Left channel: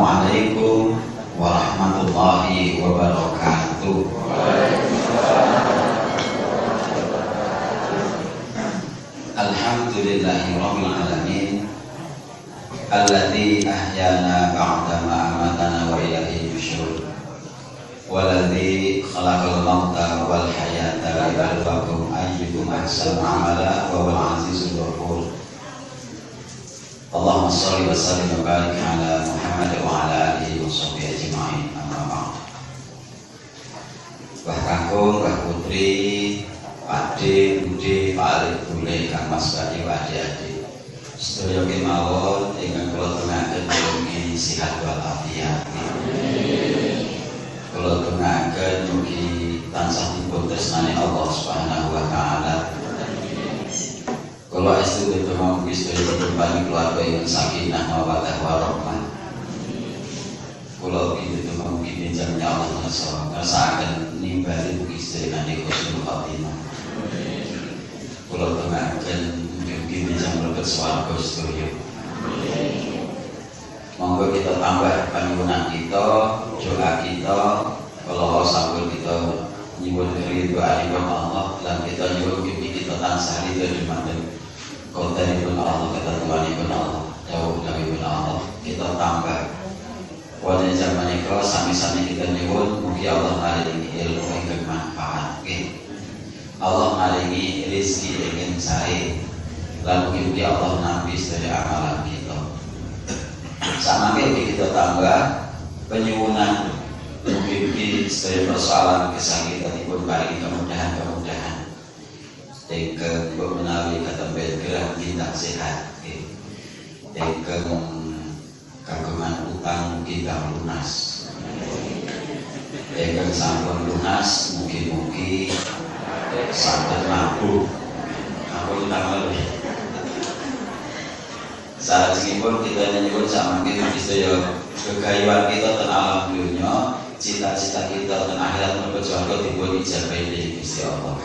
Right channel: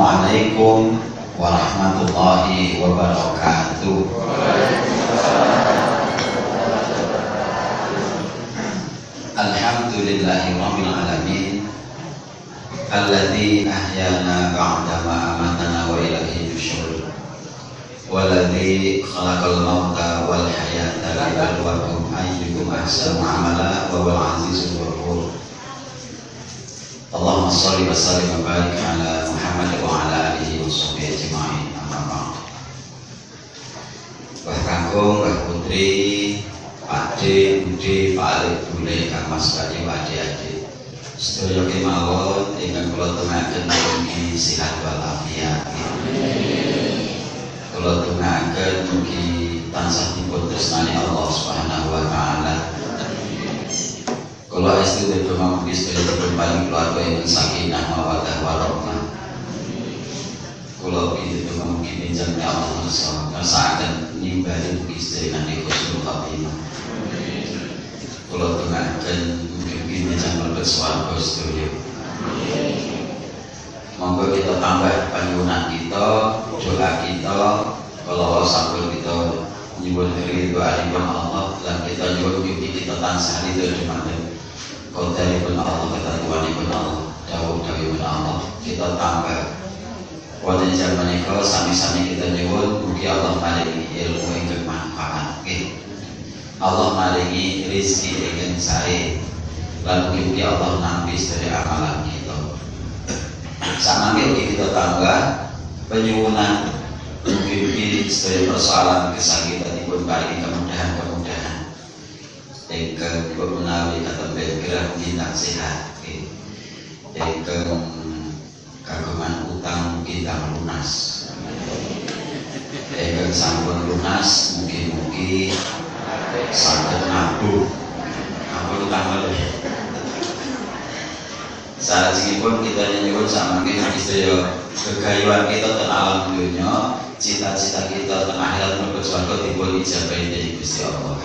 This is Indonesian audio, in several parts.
Assalamualaikum warahmatullahi wabarakatuh. Alhamdulillahirabbil alamin alladzi ahyana ba'da ma amatana wa ilaihi nusyur walladzi khalaqal mauta wal hayata liyabluwakum ayyukum ahsanu amala wa huwal azizul ghafur. Allahumma shalli wa sallim wa barik ala Muhammad wa ala alihi wa sahbihi ajma'in. Amma ba'd. Wah kakung, wah putri, Pakde, Bude, Pak Alif, Bule, Kang Mas, Pak Ade, sedaya kemawon ingkang kula tungaaken mugi sehat walafiat. Kula tungaaken mugi tansah dipun tresnani Allah Subhanahu wa taala. Kula estu dipun mugi sedaya perkembangan keluarga ing sakinah mawaddah warahmah. Kula dipun mugi pinjamnya Allah ngersakaken nimbali mugi sedaya niki husnul khotimah. Kula tungaaken mugi pinjam mlebet swarga sedaya. Monggo kita tambah panyuwunan kita, doa kita, kalau sampun kita nyuwun ridho Allah lan kita nyuwun mugi kita tansah ridho dumateng qadaripun Allah, ketentuanipun Allah, dawuh-dawuhipun Allah. Kita tambah wonten jaman menika sami-sami kita nyuwun mugi Allah maringi ilmu ingkang manfaat, Allah maringi rezeki ingkang sae, lan mugi Allah nampi sedaya amalan kita. Samangke kita tambah penyuwunan mugi sedaya persoalan kesakitanipun paring kemudahan-kemudahan ingkang menawi katembe gerah tindak sehat, ingkang kagungan utang mugi lunas, ingkang sampun lunas mugi-mugi saged nabung ampun utang lebih. Salajengipun kita nyuwun samangke mugi sedaya kegayuhan kita ten alam dunya, cita-cita kita ten akhirat menuju surga dipun ijabahi dening Gusti Allah.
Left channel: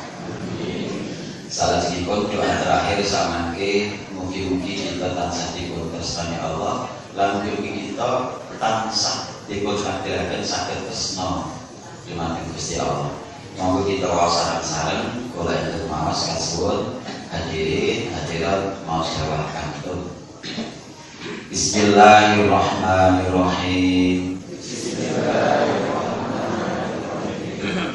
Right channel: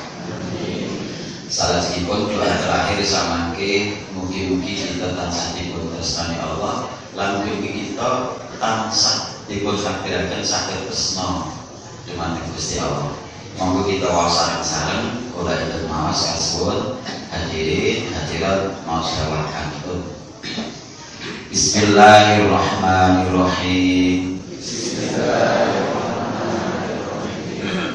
Salajengipun doa terakhir samangke mugi-mugi kita tansah dipun tresnani Allah, lan mugi-mugi kita tansah dipun takdiraken saged tresna dumateng Gusti Allah. Monggo kita waosan sareng kula enten maos kasuwun hadirin hadirat maos dawakan. Bismillahirrahmanirrahim.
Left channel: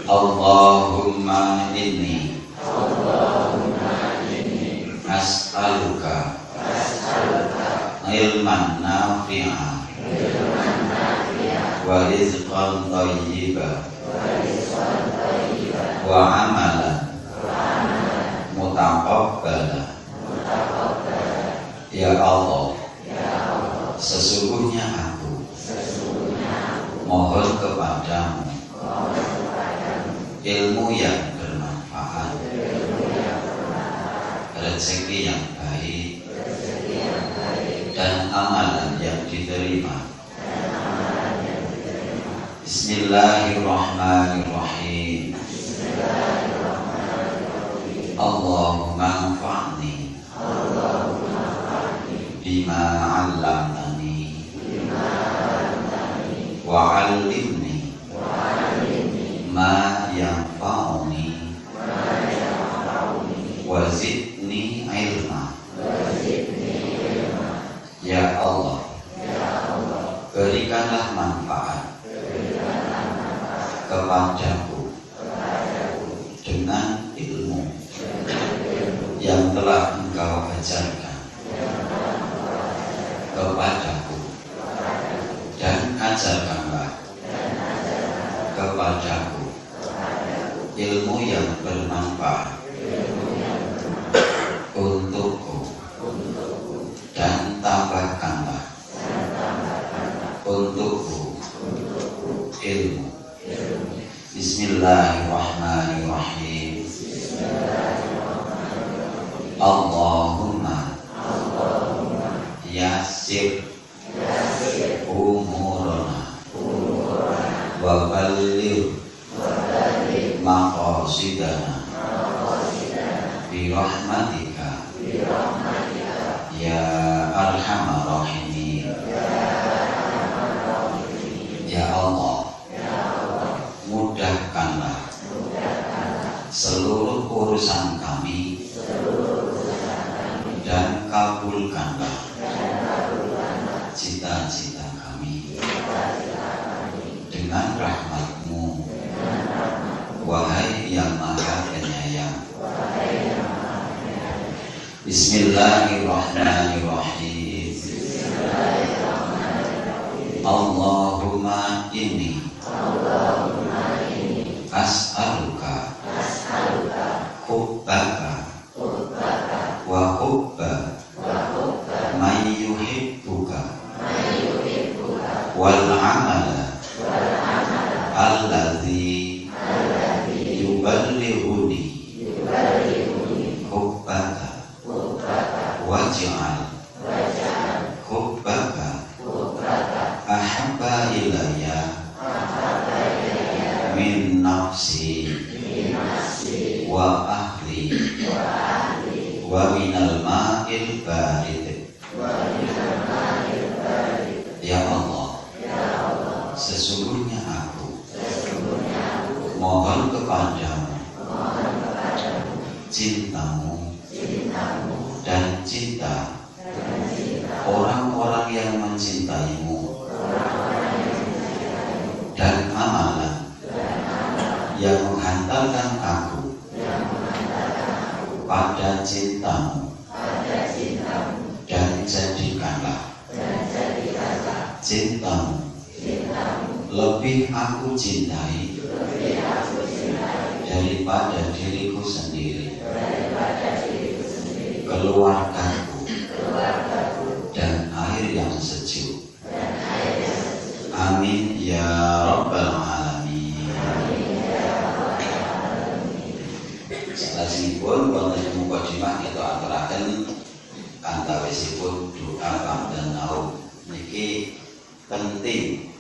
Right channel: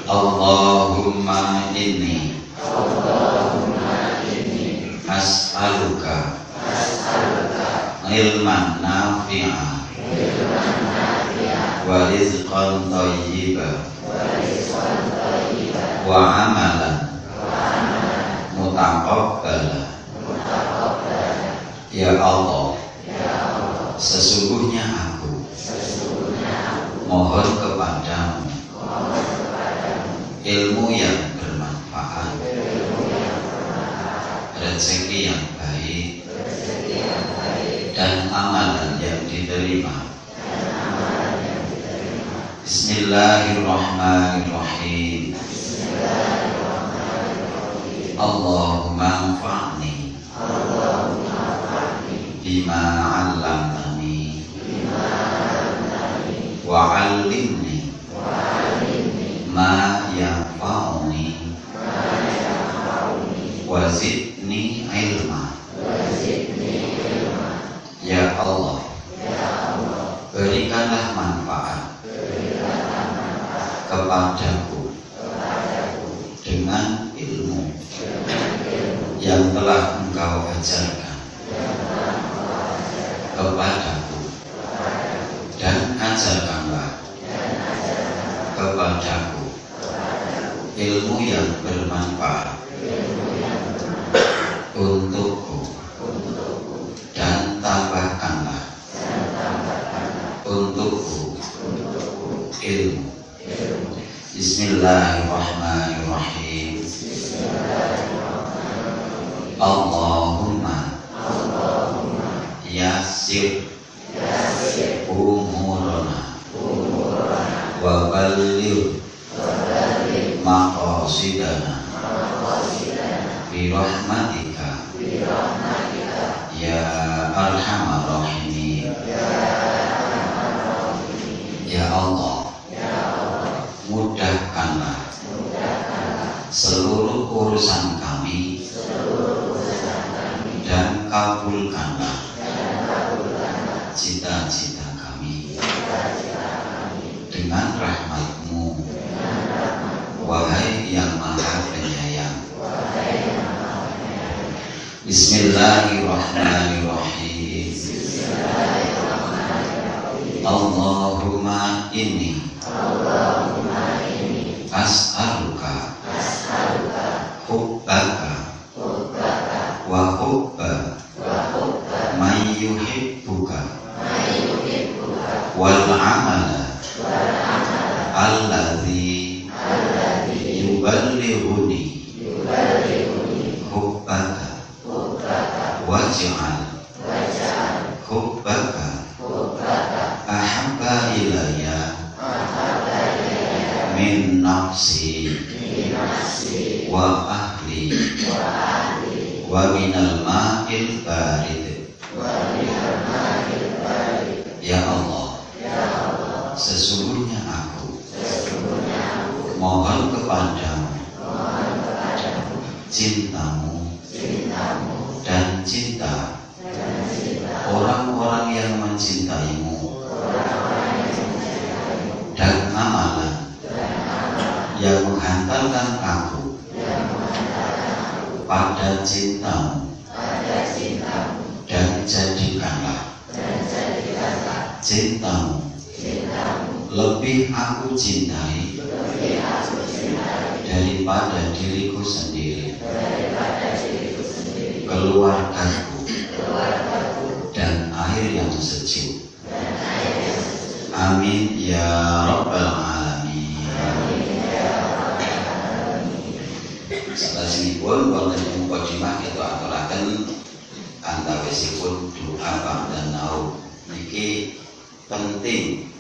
Allahumma inni as'aluka ilman nafi'a wa rizqan thayyiban wa amalan mutaqabbala. Ya Allah, sesungguhnya aku mohon kepadamu ilmu yang bermanfaat, rezeki yang baik, dan amalan yang diterima. Bismillahirrahmanirrahim. Allahumma anfa'ni bima 'allamtani wa 'allimni ma yanfa'uni wa zidni ilma. Ya Allah, berikanlah manfaat kepadaku dengan ilmu yang telah Engkau ajarkan kepadaku, dan ajarkanlah kepadaku ilmu yang bermanfaat untukku, dan tambahkanlah untukku ilmu. Bismillahirrahmanirrahim. Allahumma yassir umurana wa balligh maqasidana bi rahmatika ya arhamar rahimin. Bismillahirrahmanirrahim. Allahumma inni as'aluka hubbaka wa hubba man yuhibbuka wal amala alladhi yuballighuni hubbaka waj'al hubbaka ahabba ilayya min nafsi wa ahli wa minal ma'il barid. Ya Allah, sesungguhnya aku mohon kepadamu cintamu dan cinta orang-orang yang mencintaimu dan amalan yang menghantarkan aku pada cintamu dan jadikanlah cintamu lebih aku cintai daripada diriku sendiri, keluargaku dan air yang sejuk. Amin ya rabbal alamin. Salajengipun wonten mukadimah kita aturaken antawisipun doa dan naum niki penting.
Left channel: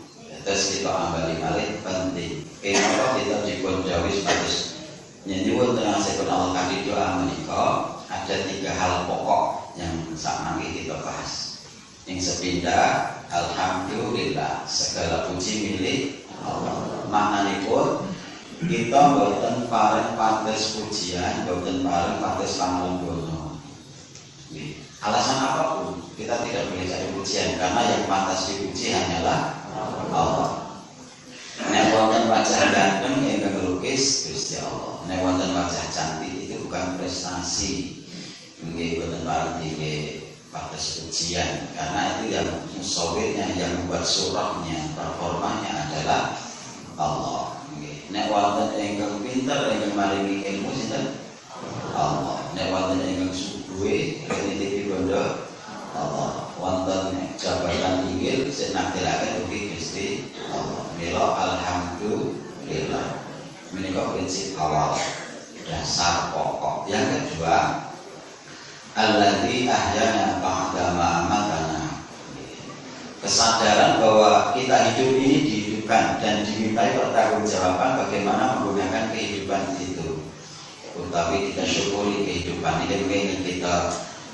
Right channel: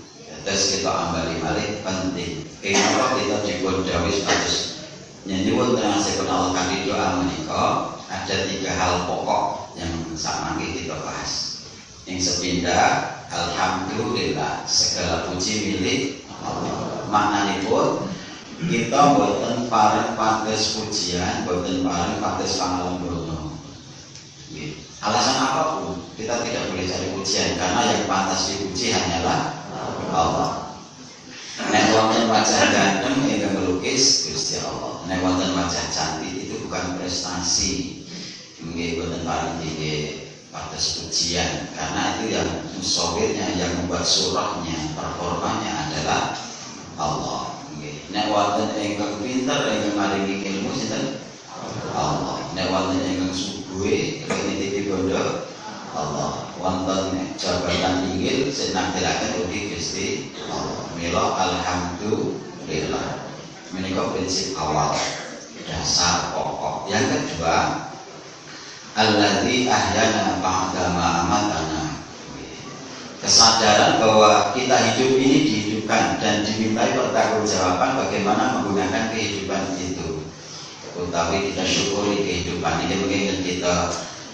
Terus kita ambali malih penting. Kenapa kita dipun dawuh status nyuwun tengasipun Allah kanthi doa menika ada 3 hal pokok yang samangke kita bahas. Yang sepindah alhamdulillah segala puji milik Allah. Maknanipun kita boten pareng pantes pujian, boten pareng pantes pangalembono. Alasan apapun kita tidak boleh cari pujian karena yang pantas dipuji hanyalah Allah. Nek wonten wajah ganteng ingkang melukis Gusti Allah. Nek wonten wajah cantik itu bukan prestasi. Nggih boten pareng nggih pantes pujian karena itu yang musawirnya, yang membuat surahnya, performanya adalah Allah. Nggih. Nek wonten ingkang pinter ingkang maringi ilmu sinten? Allah. Nek wonten ingkang subuhe nititi bondo Allah. Wonten jabatan inggil sing nakdiraken ugi Gusti Allah. Mila alhamdulillah. Menika prinsip awal, dasar pokok. Yang kedua, alladzi ahyana ba'da ma amatana. Kesadaran bahwa kita hidup ini dihidupkan dan dimintai pertanggungjawaban bagaimana menggunakan kehidupan itu. Utawi kita syukuri kehidupan ini mungkin kita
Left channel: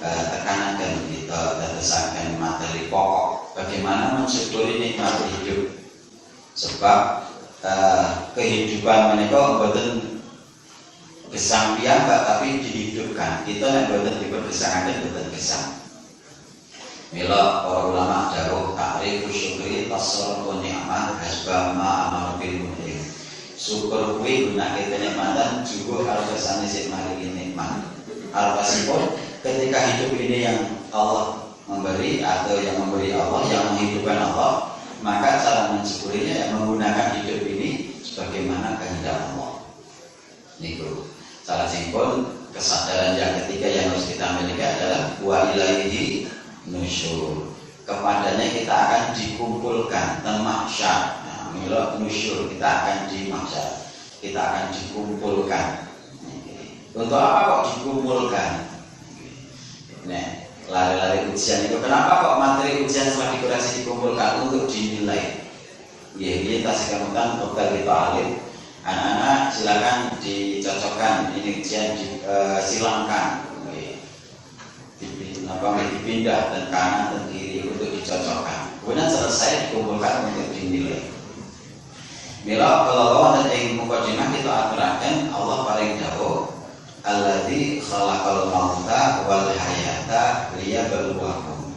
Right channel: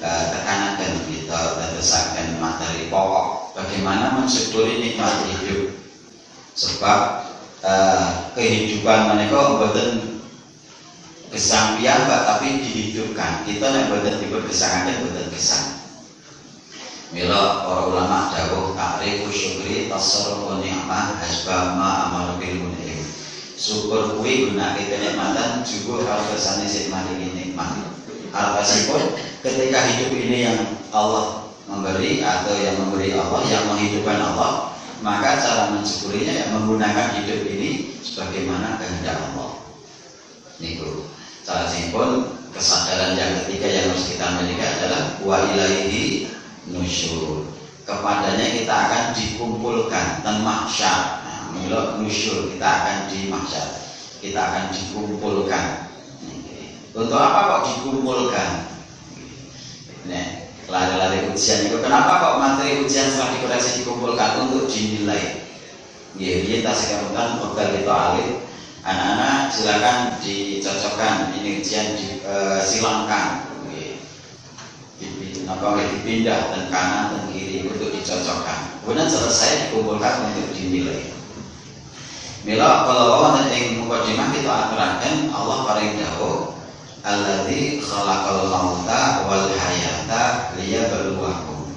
tekankan, kita tetesakan materi pokok bagaimana mensyukuri nikmat hidup. Sebab kehidupan menika boten gesang piyambak tapi dihidupkan. Kita nek boten dipun gesangaken boten gesang. Mila para ulama dawuh ta'rifu syukri tasarrufu ni'mah hasba ma amar bil mun'im. Syukur kuwi gunake kenikmatan juga harus kesane sing maringi nikmat. Arepipun ketika hidup ini yang Allah memberi atau yang memberi Allah, yang menghidupkan Allah, maka cara mensyukurinya yang menggunakan hidup ini sebagaimana kehendak Allah. Niku salajengipun kesadaran yang ketiga yang harus kita miliki adalah wa ilaihi nusyur. Kepadanya kita akan dikumpulkan dan mahsyar. Mila nusyur, kita akan di mahsyar. Kita akan dikumpulkan. Untuk apa kok dikumpulkan? Nah, lari-lari ujian itu kenapa kok materi ujian setelah dikoreksi dikumpulkan untuk dinilai? Ini tak sekarang bekal kita alih. Anak-anak silakan dicocokkan ini ujian silangkan. Dipindah dan kanan dan kiri untuk dicocokkan. Kemudian selesai dikumpulkan untuk dinilai. Mila kalau wonten ing mukadimah kita aturaken Allah paring dawuh alladzi khalaqal mauta wal hayata liyabluwakum.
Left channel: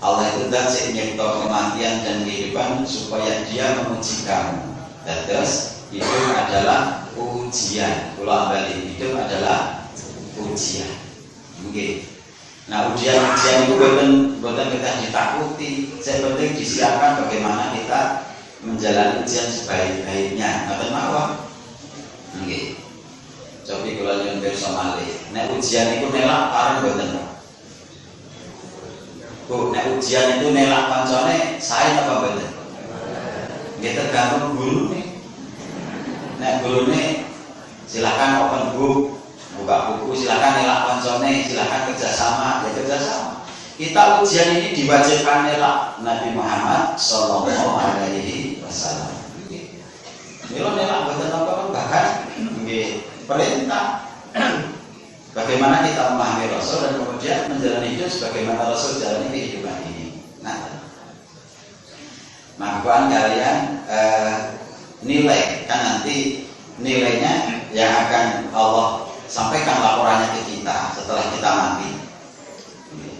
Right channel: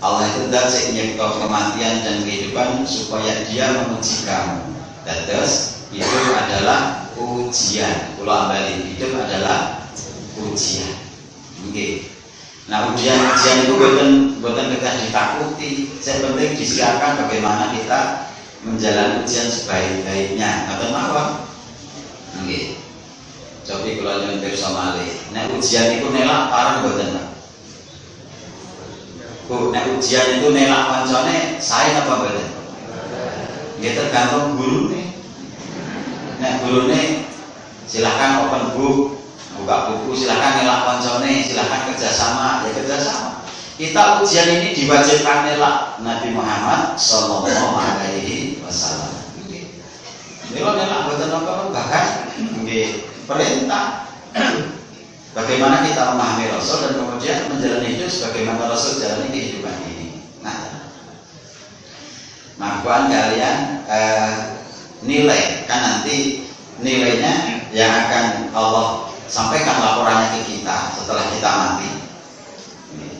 Allah itu zat sing nyipta kematian dan kehidupan supaya Dia menguji kamu. Terus hidup adalah ujian. Kula ambali hidup adalah ujian. Nggih. Nah, ujian itu bukan kita ditakuti. Yang penting disiapkan bagaimana kita menjalani ujian sebaik-baiknya. Atau mawon. Nggih. Cobi kula nyuwun pirsa malih. Nek ujian itu nelak pareng mboten, Pak. Bu, nek ujian itu nelak kancane sae apa mboten? Nggih tergantung gurune. Nek gurune silakan open book, buka buku, silakan nelak kancane, silakan kerjasama, ya kerjasama. Kita ujian ini diwajibkan nelak Nabi Muhammad sallallahu alaihi wasallam. Nggih. Nelak mboten napa bahkan nggih perintah. Bagaimana kita memahami Rasul dan kemudian menjalani hidup sebagaimana Rasul jalani kehidupan ini. Nah, buat kalian nilai kan nanti nilainya yang akan Allah sampaikan laporannya ke kita setelah kita mati.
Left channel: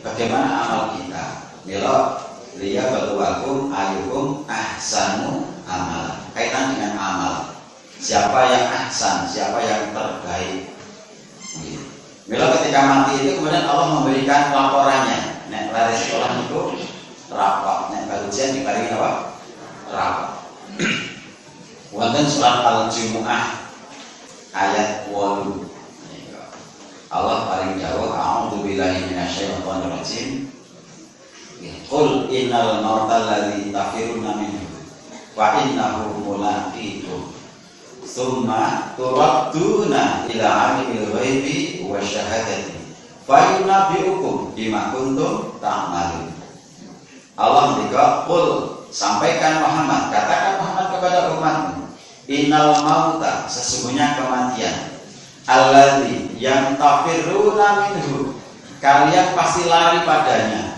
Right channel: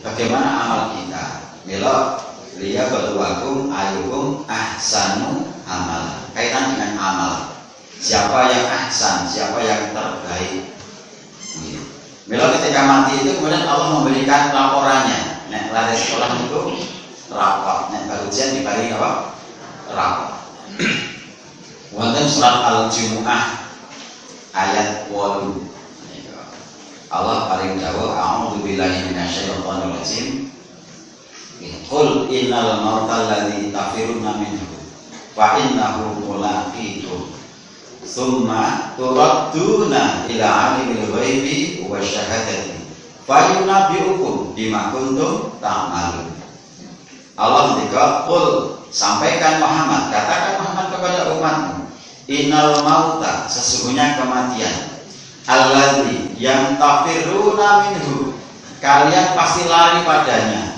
Bagaimana amal kita? Mila liya berluakum ayukum ahsanu amal. Kaitan dengan amal. Siapa yang ahsan, siapa yang terbaik. Mila ketika mati itu kemudian Allah memberikan laporannya. Nek lari sekolah itu rapot, nek baru ujian diparingi apa? Rapot. Wonten surat Al-Jumu'ah ayat 8. Allah paring dawuh a'udzu billahi minasyaitonir rajim. Qul innal mautal ladzi tafiruna minhu fa innahu mulaqikum. Summa turadduna ila alimil ghaibi wa syahadati fayunabbiukum bima kuntum ta'malun. Allah mendika, qul sampaikan Muhammad, katakan Muhammad kepada umatmu, innal mauta sesungguhnya kematian, alladzi yang tafiruna minhu kalian pasti lari padanya.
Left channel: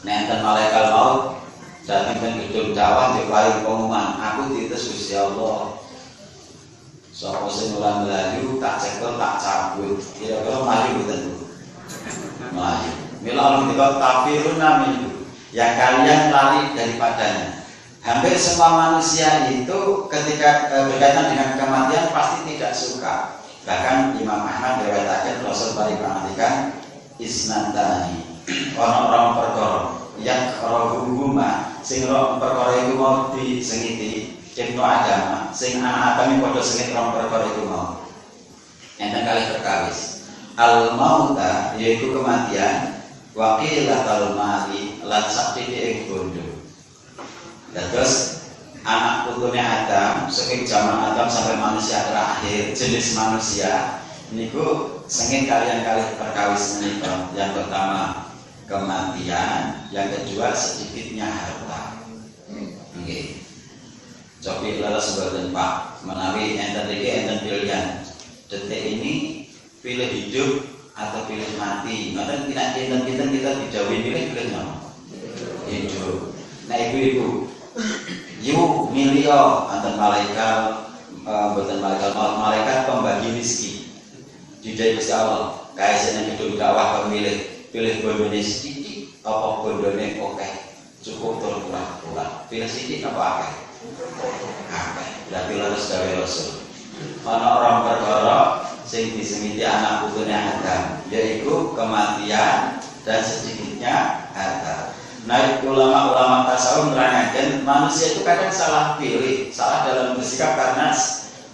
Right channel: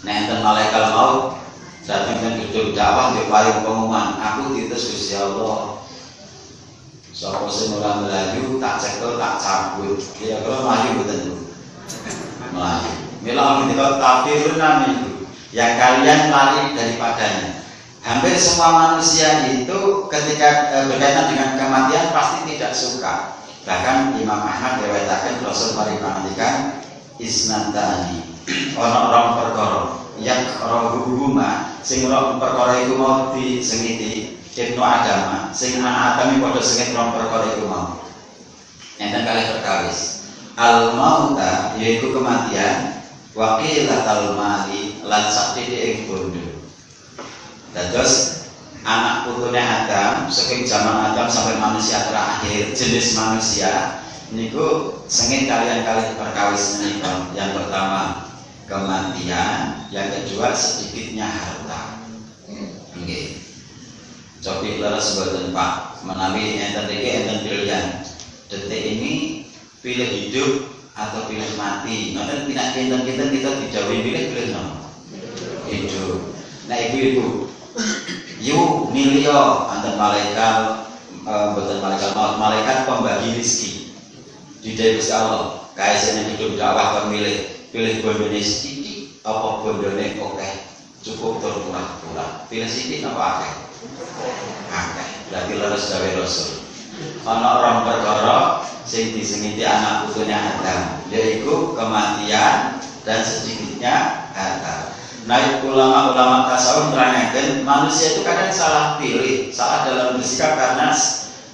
Nenten malaikat maut datang dan gedung dakwah dia paling pengumuman, aku diutus Gusti Allah. Sapa sing ora mlayu tak cekel tak cabut. Kira-kira mlayu mboten? Mlayu. Mila ketika tafiruna minhu, yang kalian lari daripadanya. Hampir semua manusia itu ketika berkaitan dengan kematian pasti tidak suka. Bahkan Imam Ahmad meriwayatkan Rasul paling mengantikan isnatani orang-orang perkara yang rohuhuma sing perkara iku mau disengiti Ibnu Adam, sing anak Adam padha sengit rong perkara iku mau. Enten kalih perkawis. Al mauta yaiku kematian, wa qilatal mali lan sakti ing bondo. Dados anak putune Adam saking zaman Adam sampai manusia terakhir jenis manusia niku sengit kalian kalih perkawis menika. Yang pertama kematian, yang kedua sedikitnya harta. Nggih. Cobi leres boten Pak, menawi enten iki enten pilihan. Detik ini pilih hidup atau pilih mati. Ngoten kinten kita dijawab pilih no. Hidup. Nah ibu-ibu, yu milio anten malaikat boten malaikat pembagi rezeki. Didai Gusti Allah, kaesane gedung dakwah pemilih, pilih bondone sithik apa bondone akeh. Cukup tur pura-pura. Pilih sithik apa akeh? Akeh. Berarti leres gawe Rasul. Ana orang perkara sing disengiti anak putune Adam, yaitu kematian dan sedikitnya harta. Nah, ulama-ulama tasawuf menerangkan manusia itu kadang salah pilih, salah dalam bersikap karena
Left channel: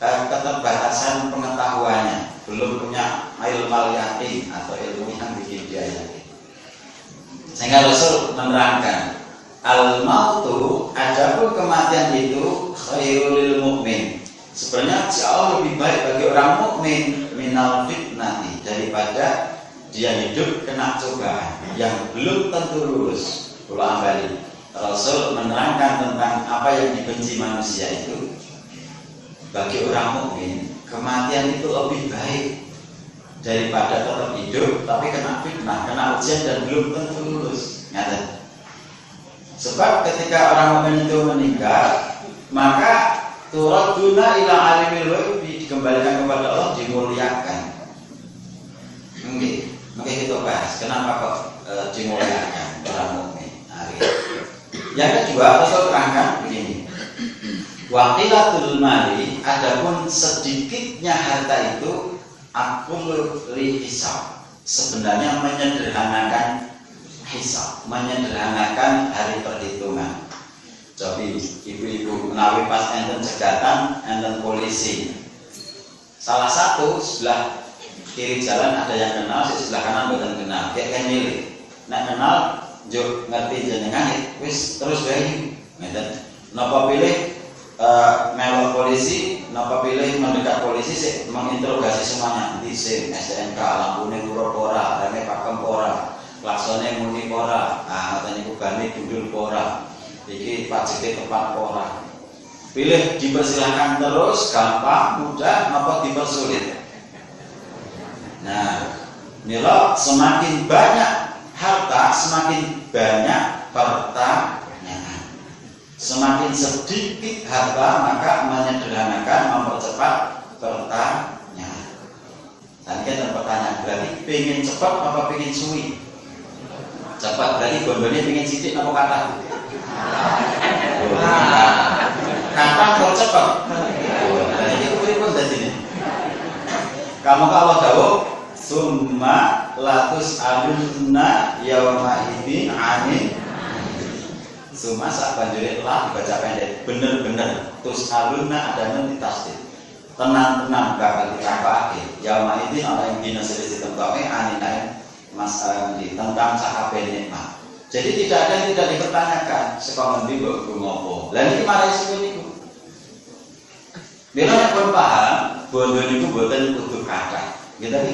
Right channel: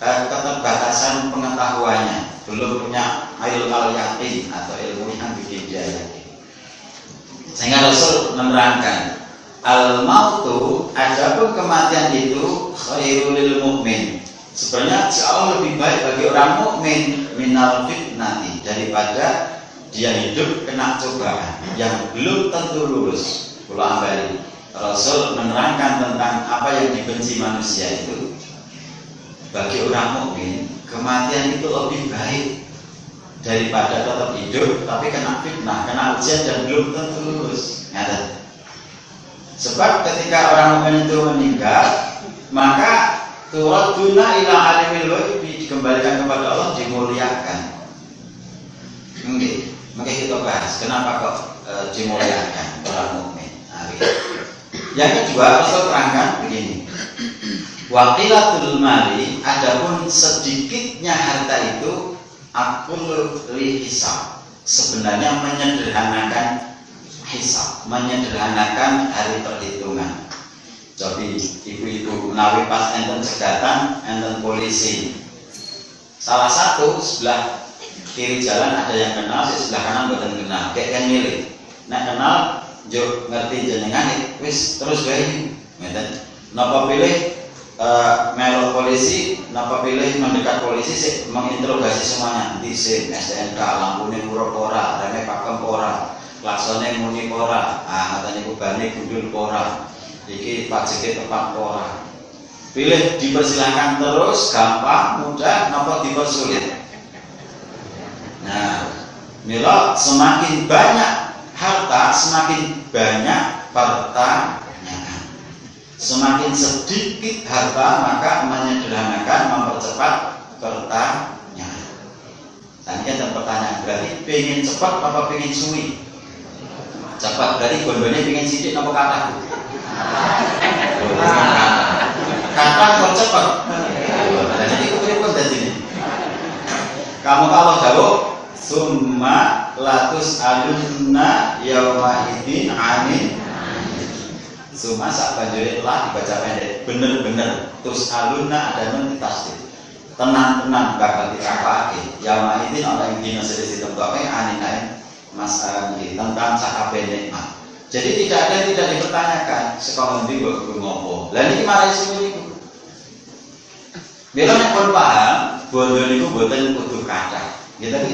keterbatasan pengetahuannya, belum punya ilmu al-yakin atau ilmu yang bikin dia yakin. Sehingga Rasul menerangkan al-mautu, adapun kematian itu khairul lil mukmin. Sebenarnya jauh lebih baik bagi orang mukmin minal fitnati, daripada dia hidup kena cobaan yang belum tentu lulus. Ulang balik, Rasul menerangkan tentang apa yang dibenci manusia itu. Bagi orang mukmin, kematian itu lebih baik daripada tetap hidup tapi kena fitnah, kena ujian dan belum tentu lulus. Ngerti? Sebab ketika orang mukmin itu meninggal, maka turaduna ila alimil ghaib, dikembalikan kepada Allah, dimuliakan. Mungkin kita bahas kenapa kok dimuliakan orang mukmin. Yang kedua, Rasul terangkan begini. Waqilatul mali, adapun sedikitnya harta itu akul li hisab, sebenarnya menyederhanakan hisab, menyederhanakan hari perhitungan. Jadi ibu-ibu menawi pas enten cegatan, enten polisi. Salah satu sebelah kiri jalan ada yang kenal, sebelah kanan boten kenal. Kayak kan milih. Nek kenal, yo ngerti jenengan, wis terus wae. Ngeten. Napa pilih melo polisi, napa pilih mendekat polisi sih menginterogasi semuanya. Di SIM, STNK, lampune pura ora, reme pakem ora, klaksone muni ora, ngoten niku bane gundul ora. Iki pajeke tepat ora. Pilih dipersilahkan terus, gampang, mudah, napa dipersulit. Nah, mila semakin banyak harta, semakin banyak pertanyaan. Semakin sedikit harta, maka menyederhanakan, mempercepat pertanyaan. Tadi kan pertanyaan berarti pengen cepat apa pengen suwi? Cepat berarti gondone pengen sidik apa kata? Kata kok cepat. Jadi itu pripun dadine? Kamu kalau jawab summa latus alunna yauma idzin amin. Summa sak banjure lah dibaca pendek. Bener-bener tus alunna ada nun ditasdid. Tenang-tenang bakal ditakake. Yauma idzin ana ing dina sedhek temtoke aninain mas tentang sakabeh nikmat. Jadi tidak ada yang tidak dipertanyakan. Sekolah nanti gue ngopo. Lah ini marai semua niku. Bila nek pun paham, bondo niku boten kudu kathah. Gitu tadi,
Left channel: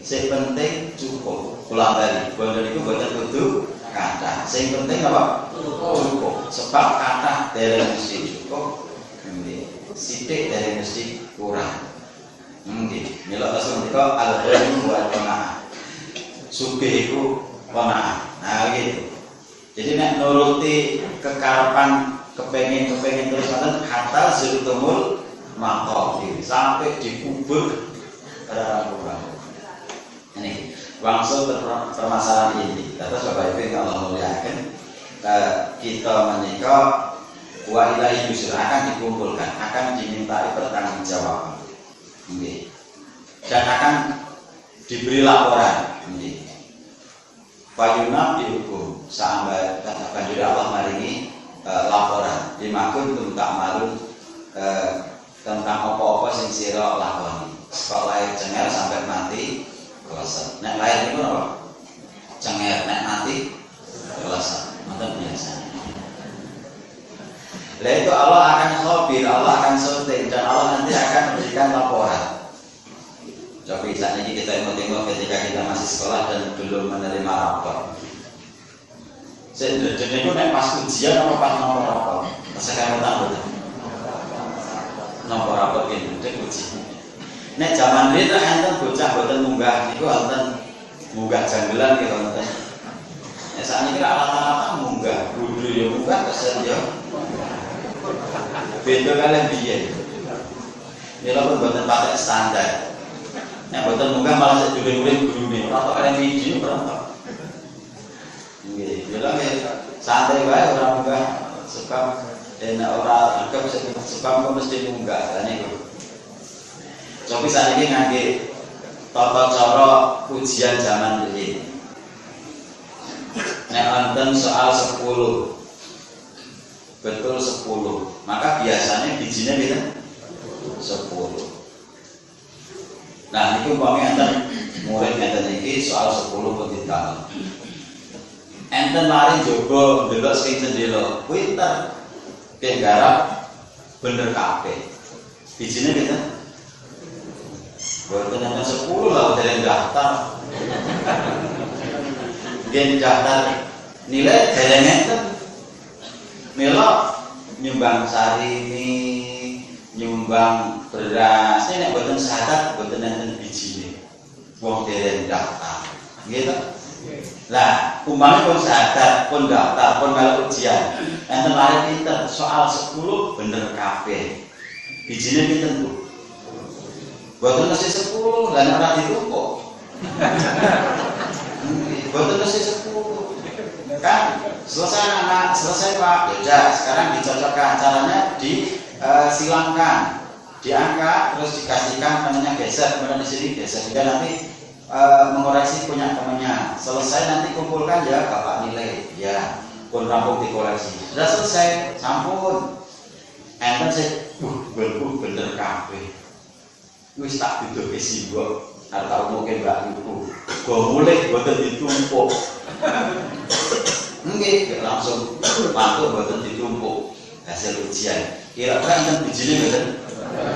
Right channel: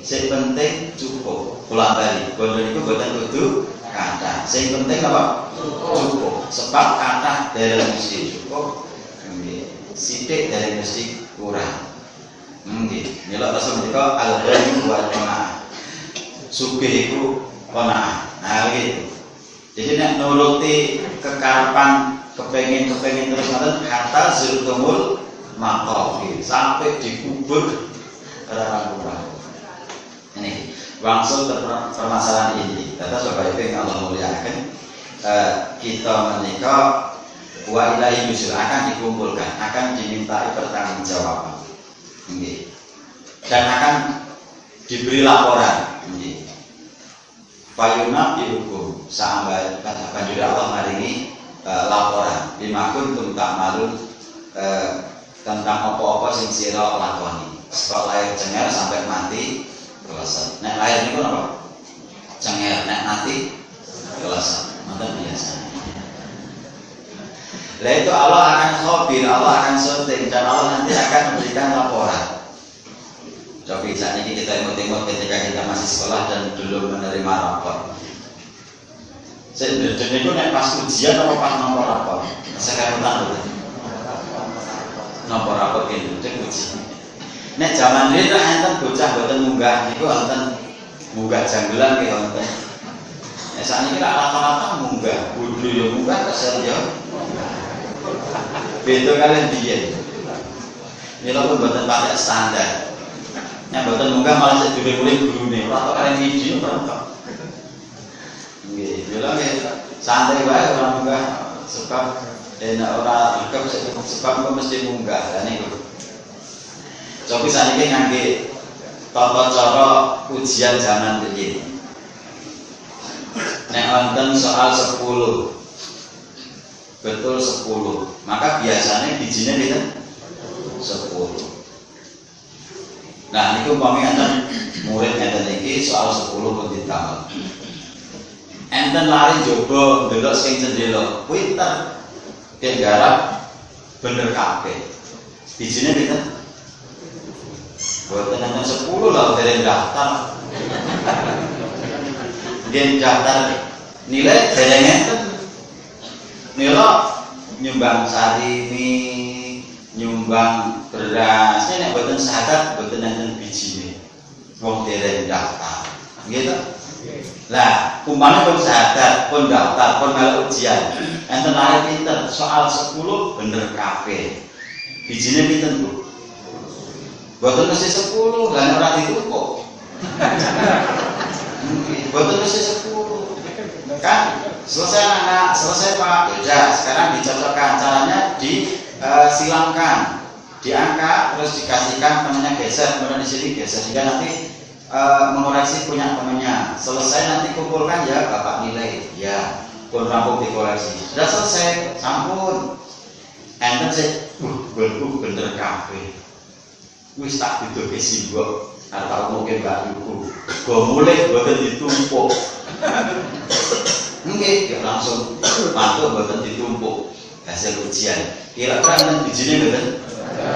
sing penting cukup. Kula bali, bondo niku boten kudu kathah. Sing penting apa? Cukup. Sebab kathah dereng mesti cukup. Nggih. Sithik dereng mesti kurang. Nggih. Mila Rasul menika al-ghani wa qanaah. Sugih iku qanaah. Nah gitu. Jadi nek nuruti kekarepan kepengen terus ngoten hatta zultumul maqam sampai dikubur orang-orang. Ini langsung permasalahan ini. Kata Sobat Ibu yang Allah muliakan, kita menikah wa ilahi yusul akan dikumpulkan, akan dimintai pertanggungjawaban. Dan akan diberi laporan. Fayunab dihukum sampai banjur Allah maringi laporan dimakun tum tak malu tentang apa-apa sing sira lakoni sekolah lahir cenger sampai mati selesai. Nek lahir niku apa? Cenger, nek mati selesai. Ngoten biasanya. Lah itu Allah akan khabir, Allah akan syuting dan Allah nanti akan memberikan laporan. Coba saat ini kita imut-imut ketika kita masih sekolah dan belum menerima rapor. Saya itu nek pas ujian apa pas nomor rapor? Sekarang tahu. Nomor rapor ini uji. Nek zaman dulu enten bocah boten munggah niku enten munggah janggelan gitu enten. Nek saat ini rata-rata munggah, bodho ya munggah kesel ya. Beda kalian biyen. Ini lho boten pakai standar. Nek boten munggah malah sik dulur-dulur gurune, ora kok kalian video berontok. Nggih, bilang santai wae ora munggah sebab nek ora anggap sebab kok mesti munggah. Lah niku. Coba saniki ngangge tata cara ujian zaman iki. Nek wonten soal 10. Betul 10. Maka biasanya bijine pinten? 10. Nah, niku umpami enten murid enten iki soal 10 pun ditambah. Enten lari jogo ndelok sing jendela, pinter. Ki garap bener kabeh. Bijine pinten? Boten enten 10 lah dereng daftar. Nggih daftar nilai dereng enten. Mila nyumbang sarimi, nyumbang beras, ini nek boten syahadat boten enten bijine. Wong dereng daftar. Nggih to? Lah, umpama pun syahadat, pun daftar, pun melok ujian. Enten lari pinter, soal 10 bener kabeh. Bijine pinten, Bu? Boten mesti 10, lan ora ditumpuk. Boten mesti 10. Kan selesai anak, selesai Pak. Ya, sekarang dicocokkan caranya disilamkan. Diangkat terus dikasihkan namanya geser, kemudian di sini geser sehingga nanti mengoreksi punya temannya. Selesai nanti kumpulkan ya bapak nilai. Ya, pun rampung dikoreksi. Sudah selesai, sampun. Enten sih, bener kabeh. Wis tak didoke simbok, arep mungkin gak cukup. Go mulih boten ditumpuk. Nggih, langsung mantuk boten ditumpuk hasil ujian. Kira-kira enten bijine mboten?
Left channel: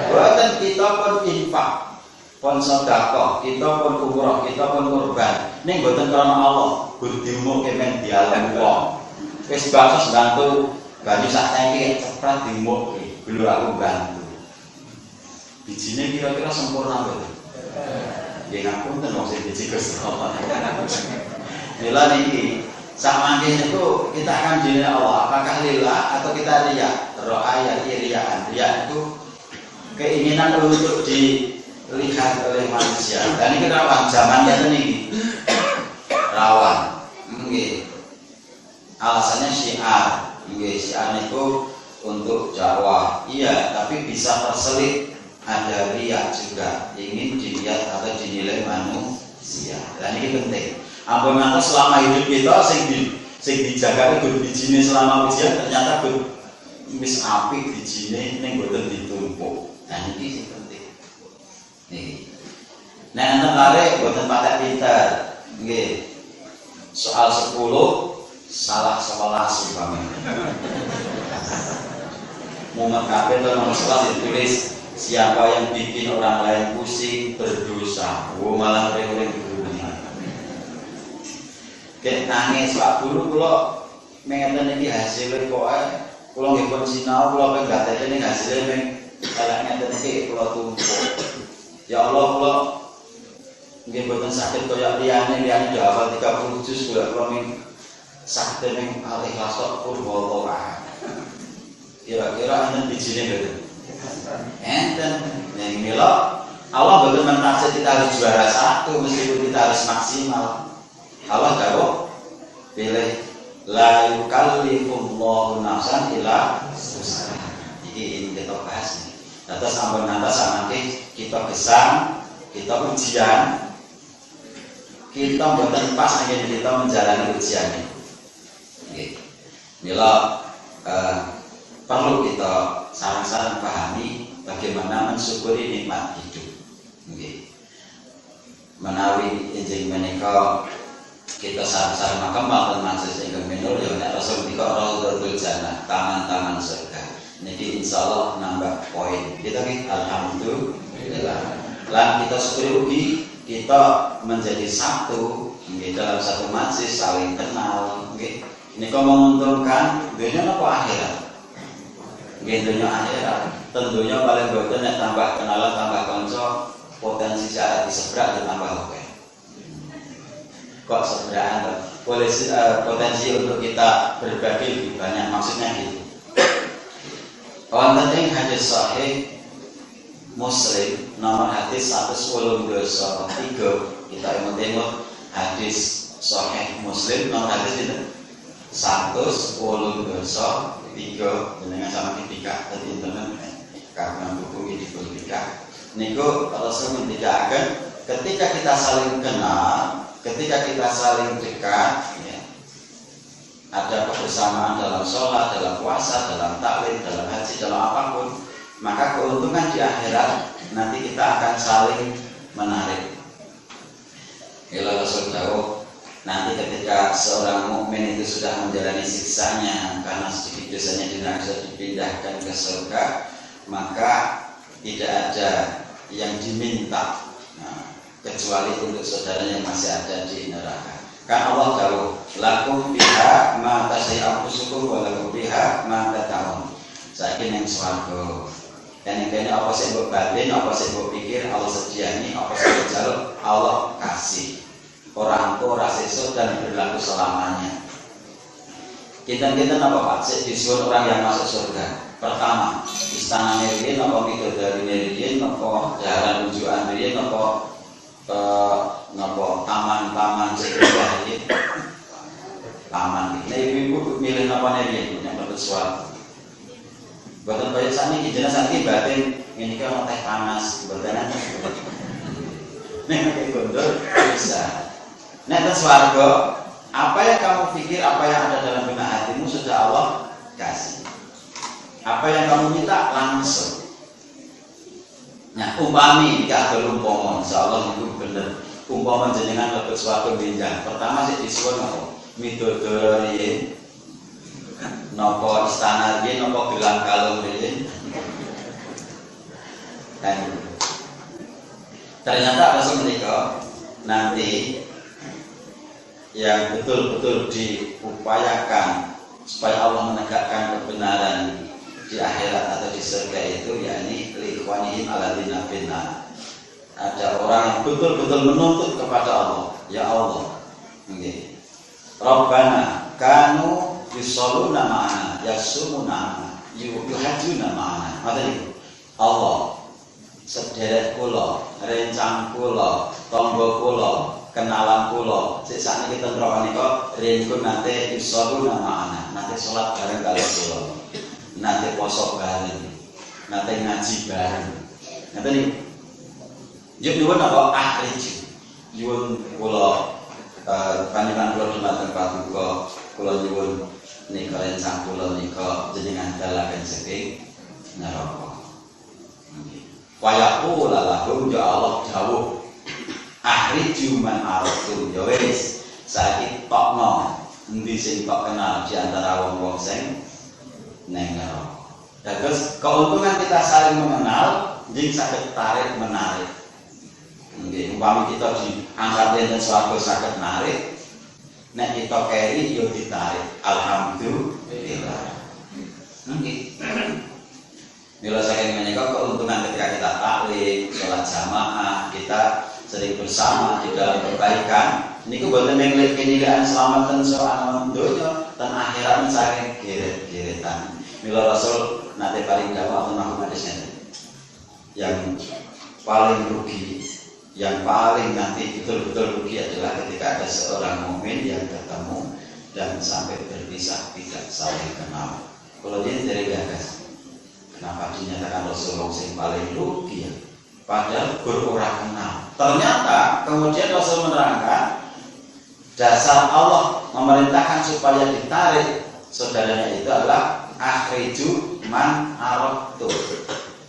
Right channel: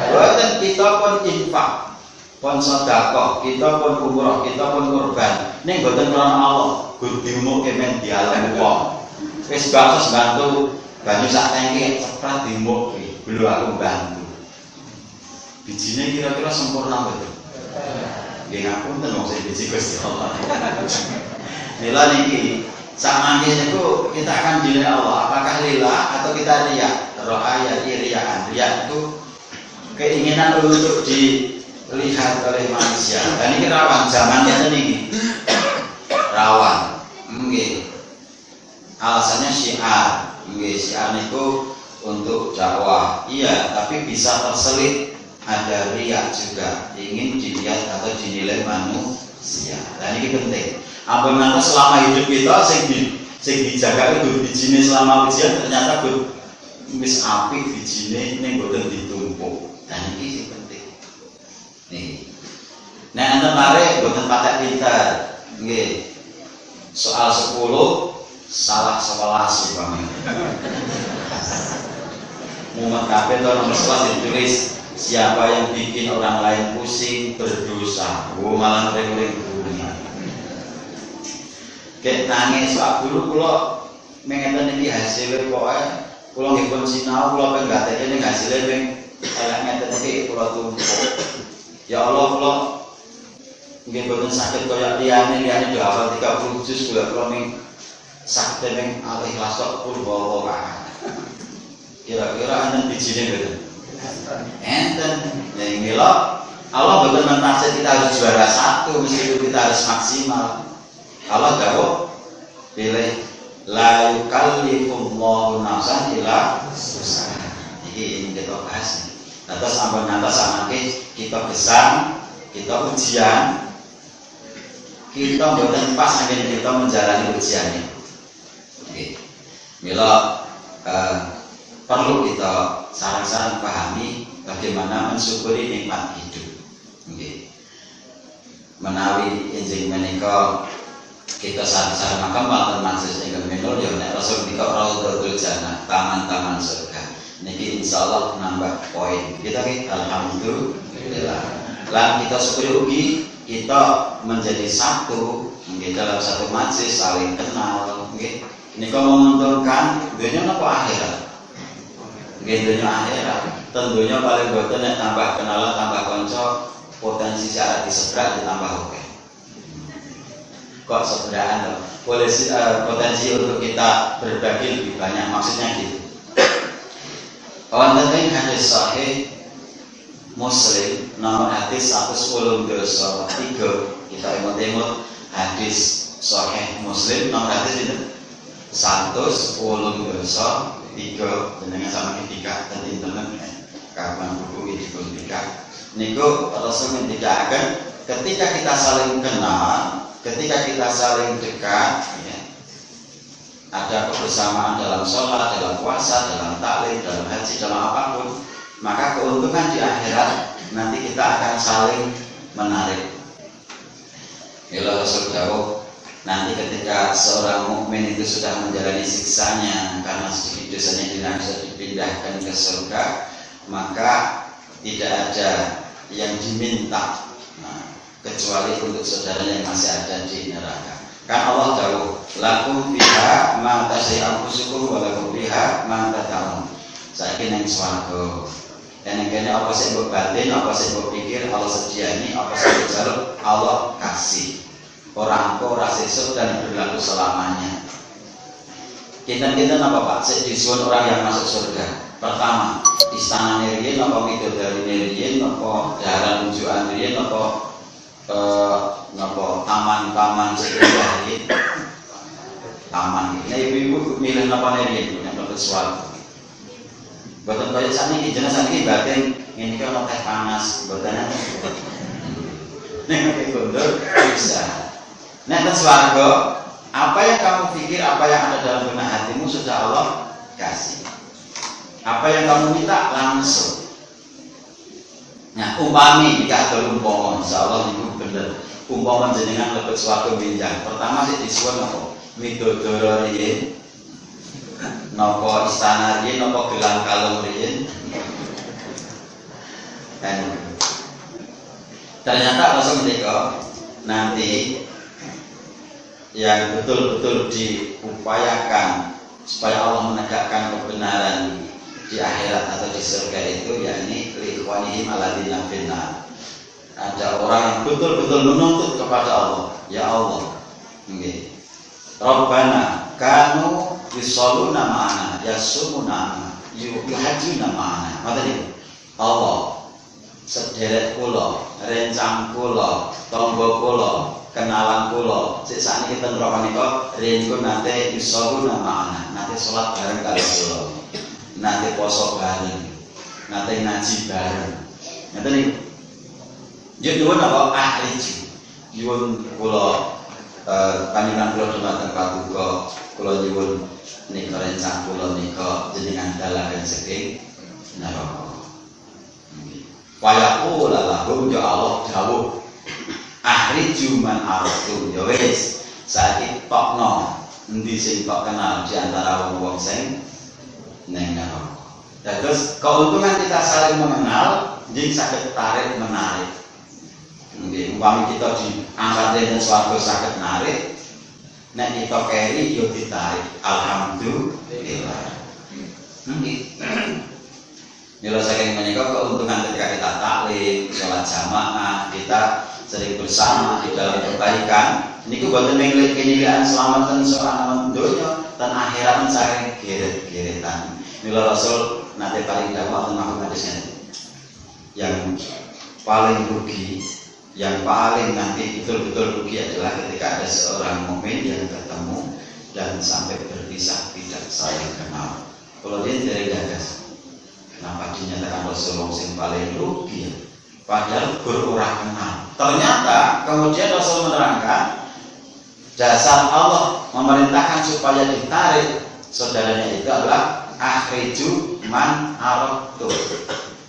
Boten, kita pun infak, pun sedekah, kita pun umroh, kita pun kurban. Ning boten krana Allah, gur diumuke men dialem wong. Wis bakos bantu banyu sak tangki ceprat diumuke, belum aku bantu. Bijine kira-kira sempurna betul. Nggih ngapunten wong sing biji Gusti Allah. Mila niki samangke niku kita akan dinilai Allah apakah lillah atau kita riya. Ro'aya riyaan. Riya itu keinginan untuk dilihat oleh manusia. Dan ini rawan zamannya niki. Rawan. Nggih. Alasannya syiar. Nggih, syiar niku untuk dakwah. Iya, tapi bisa terselip ada riya juga, ingin dilihat atau dinilai manusia. Dan ini penting. Ampun ngantos selama hidup kita sing dijaga itu bijine selama ujian ternyata wis apik bijine ning boten ditumpuk. Dan ini sing penting. Nih. Nek enten lare boten patek pinter. Nggih. Soal 10 salah 11 umpamane. Mumet kabeh to nomor 11 ditulis siapa yang bikin orang lain pusing berdosa. Oh malah ngering-ngering bumi. Kayak nangis Pak Guru kula mengeten iki hasilé pokoke kula nggih pun sinau kula ping gateke ning hasilé ping elek ngeten iki kula tumpuk. Ya Allah kula nggih boten saged kaya liyane do hafal 30 juz kula ning saged ning al-ikhlas tok pun bawa. Kira-kira enten bijine mboten? Enten. Ya inilah Allah betul mentarget kita harus juara satu meskipun kita harus maksimal. Allah jawab pilih la yukallifullahu nafsan illa wus'aha. Ini kita bahas nih. Atas ampun atas samangke kita gesang, kita ujian, kita boten pas angin kita menjalani ujian ini. Nggih. Mila perlu kita sarang-sarang pahami bagaimana mensyukuri nikmat hidup. Okay. Menawi enjing menika kita sarang-sarang makamal dan mansus ingkang minul ya nek Rasul dika raudhatul jannah, taman-taman surga. Niki insyaallah nambah poin. Kita nggih alhamdulillah. Lan kita syukuri ugi kita menjadi satu nggih dalam satu majlis saling kenal nggih. Nika menguntungkan dunia napa akhirat? Dunia akhirat tentunya paling boten nek tambah kenalan tambah konco potensi jarak diseberak ditambah oke. Kok seberaan loh? Potensi untuk kita berbagi lebih banyak maksudnya gitu. Wonten ing hadis sahih Muslim nomor hadis 110 dosa 3 kita emut-emut hadis sahih Muslim nomor hadis itu 110 dosa 3 dengan sama ketika tadi internet karena buku ini ketika niku Rasul ngendikaken ketika kita saling kenal, ketika kita saling dekat ya, ada kebersamaan dalam sholat, dalam puasa, dalam taklim, dalam haji, dalam apapun, maka keuntungan di akhirat nanti kita akan saling menarik. Bila Rasul tahu nanti ketika seorang mukmin itu sudah menjalani siksanya karena sedikit dosanya tidak bisa dipindahkan ke surga, maka tidak ada yang diminta kecuali untuk saudaranya yang masih ada di neraka. Kan Allah tahu lakum biha ma tasai'u anfusukum wa lakum biha ma tad'un. Saiki ning swarga. Dan kene apa sing mbok batin, apa sing mbok pikir Allah sediani, apa sing njaluk Allah kasih. Orang engko ora sesuk dan berlaku selamanya. Kinten-kinten apa Pak? Sik disuwun orang yang masuk surga. Pertama, istana riyen apa widodari riyen apa dalan unjukan riyen apa taman-taman sekolah riyen. Taman. Nah ibu-ibu milih napa riyen nek mlebu swarga. Boten kaya saniki jenengan saniki batin ngene iki ana teh panas, boten. Nek pakai gondol bisa. Nek ten swarga, apa yang kamu pikir, apa yang ada dalam benak hatimu sudah Allah kasih. Apa yang kamu minta langsung. Nah, umpami kadol umpama, insyaallah niku bener. Umpama jenengan lebet swarga benjang, pertama sih disuwun apa? Midodoro riyin. Napa istana riyin, napa gelang kalung riyin. Kan. Ternyata langsung menika nanti yang betul-betul diupayakan supaya Allah menegakkan kebenaran di akhirat atau di surga itu yakni liqwanihim alladzina finnar. Ada orang yang betul-betul menuntut kepada Allah, ya Allah, nggih. Rabbana kanu yusalluna ma'ana, yasumuna ma'ana, yuhajjuna ma'ana. Maksudnya Allah sedherek kula, rencang kula, tangga kula, kenalan kula, sik sakniki ten neraka nika ringku nate yusalluna ma'ana, nate salat bareng kali kula. Nate poso bareng, nate ngaji bareng. Ngeten niku. Yo nyuwun apa ahrij. Nyuwun kula panjenengan kula dumateng paduka, kula nyuwun nika rencang kula nika jenengan dalaken saking neraka. Wayaqul lahu ya Allah dawuh ahriju man aratu ya wis saiki tokno endi sing tok kenal di antara wong-wong sing neng neraka. Terus keuntungan kita saling mengenal, jadi sakit tarik menarik. Mungkin umpama kita diangkat dengan suatu sakit narik, nek kita keri yo ditarik. Alhamdulillah. Mila saking menika keuntungan ketika kita taklim, sholat jamaah, kita sering bersama di dalam kebaikan. Ini buatan mengelik kenilian selamatan soal donya dan akhirat mencari geret-geretan. Mila Rasul nanti paling dakwah tentang hadisnya yang paling rugi, yang paling nanti betul-betul rugi adalah ketika ada seorang mukmin yang ketemu dan sampai berpisah tidak saling kenal. Kalau dia dari gagas, kenapa dinyatakan Rasulullah yang paling rugi ya? Padahal gur-ora kenal. Ternyata kemudian Rasul menerangkan dasar Allah memerintahkan supaya ditarik saudaranya itu adalah akhriju man aratu.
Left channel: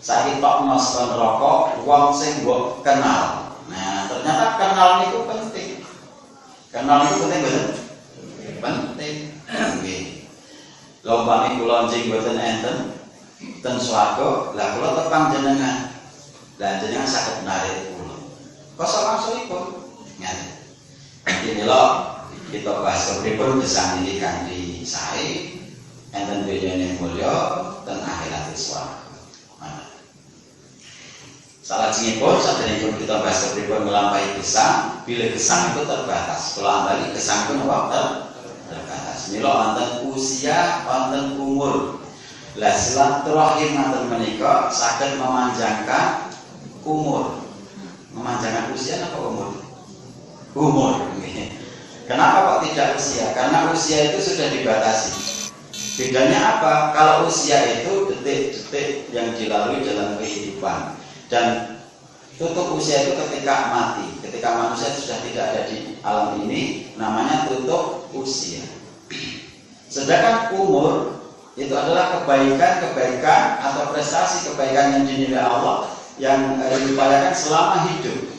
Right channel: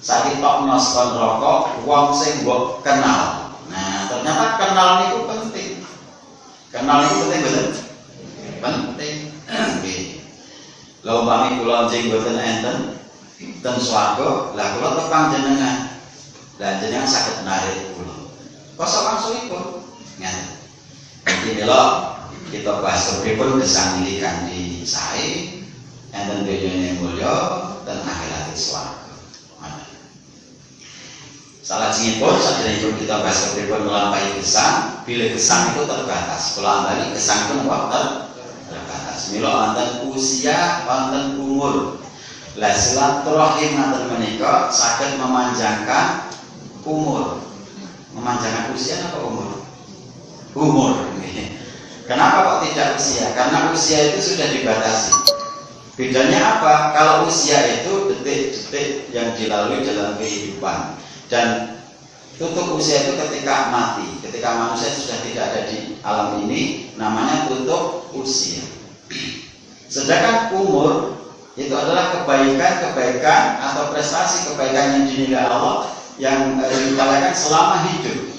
Saiki tokno saka neraka wong sing mbok kenal. Nah, ternyata kenal niku penting. Kenal niku penting bener? Penting. Nggih. Lha umpami kula njing mboten enten ten swarga, lah kula tepang jenengan. Lah jenengan saged narik kula. Kosok langsungipun. Ngaten. Iki mila kita bahas kepripun gesang niki kanthi sae. Enten dunyane mulya dan akhirat swarga. Salajengipun saderengipun kita bahas kepripun nglampahi gesang, bila gesang itu terbatas. Kula ambali gesang pun terbatas. Mila wonten usia, wonten umur. Lah silaturahim wonten menika saged memanjangkan umur. Memanjangkan usia apa umur? Umur. Kenapa kok tidak usia? Karena usia itu sudah dibatasi. Bedanya apa? Kalau usia itu detik-detik yang dilalui dalam kehidupan, dan tutup usia itu ketika mati, ketika manusia sudah tidak ada di alam ini, namanya tutup usia. Sedangkan umur itu adalah kebaikan-kebaikan atau prestasi kebaikan yang dinilai Allah yang diupayakan selama hidup.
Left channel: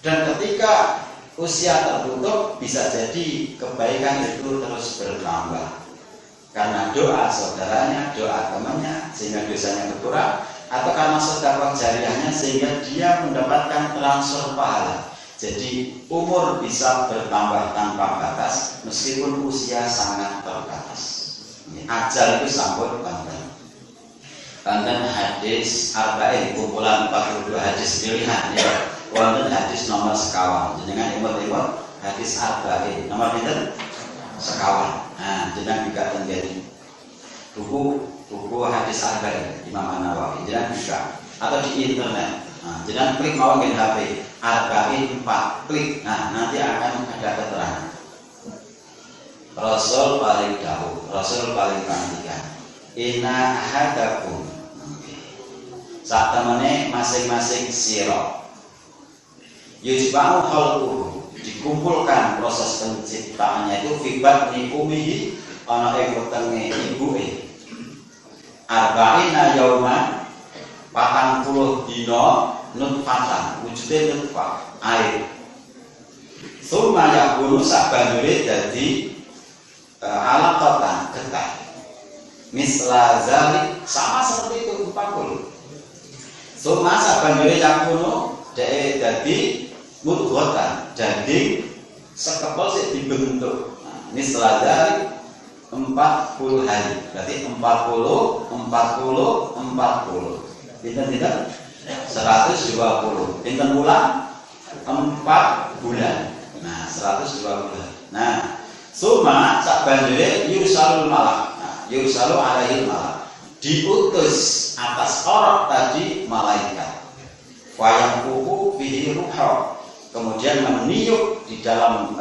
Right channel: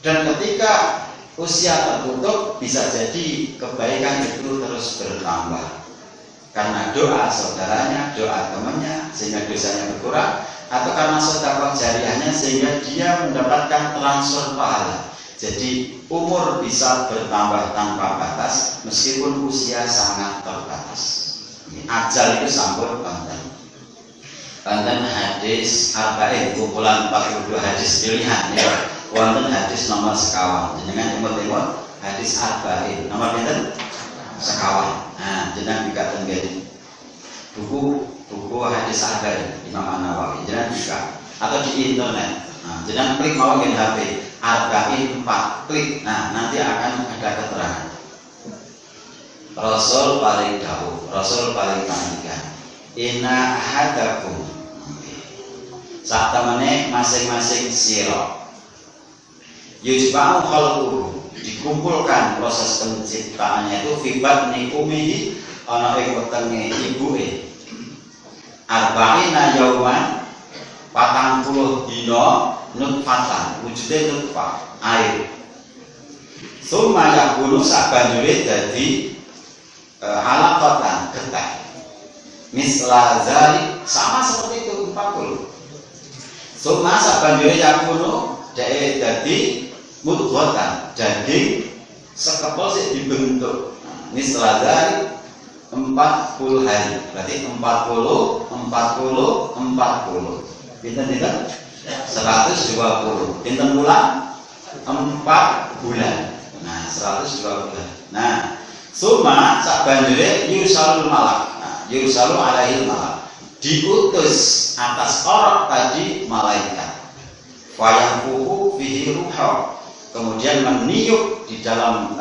Dan ketika usia tertutup, bisa jadi kebaikan itu terus bertambah. Karena doa saudaranya, doa temannya, sehingga dosanya berkurang, atau karena sedekah jariahnya sehingga dia mendapatkan transfer pahala. Jadi umur bisa bertambah tanpa batas meskipun usia sangat terbatas. Ajal itu sampun wonten hadis arba'in kumpulan 42 hadis pilihan ya. Wonten hadis nomor sekawan. Jenengan imut-imut hadis arba'in. Nomor pinten? Sekawan. Nah, jenengan juga tenggene buku hadis arba'in Imam An-Nawawi. Jenengan buka atau di internet. Nah, jenengan klik mawon ngen HP arba'in 4 klik. Nah, nanti akan ada keterangan. Rasul paling dahulu, Rasul paling panjang. Inna hadakum. Saat temene masing-masing sira Yujma'u khalquhu, dikumpulkan proses penciptaannya itu fibat nikumihi ana ing wetenge ibuke. Arba'ina yauman 40 dina nutfatan, wujude nutfah air. Suma yakunu sabanjure dadi alaqatan getah. Misla zalik sama seperti itu 40. Suma sabanjure yakunu dadi mudghatan, daging sekepel sik dibentuk. Misla zalik 40 hari. Berarti 40. Pinten-pinten? 120. Pinten bulan? 4 bulan. Nah, 120 bulan. Nah, suma sabanjure yursalul malak. Nah, yursalu alaihil malak. Diutus atas orang tadi malaikat. Fayamfuhu fihi ruha. Kemudian meniup di dalam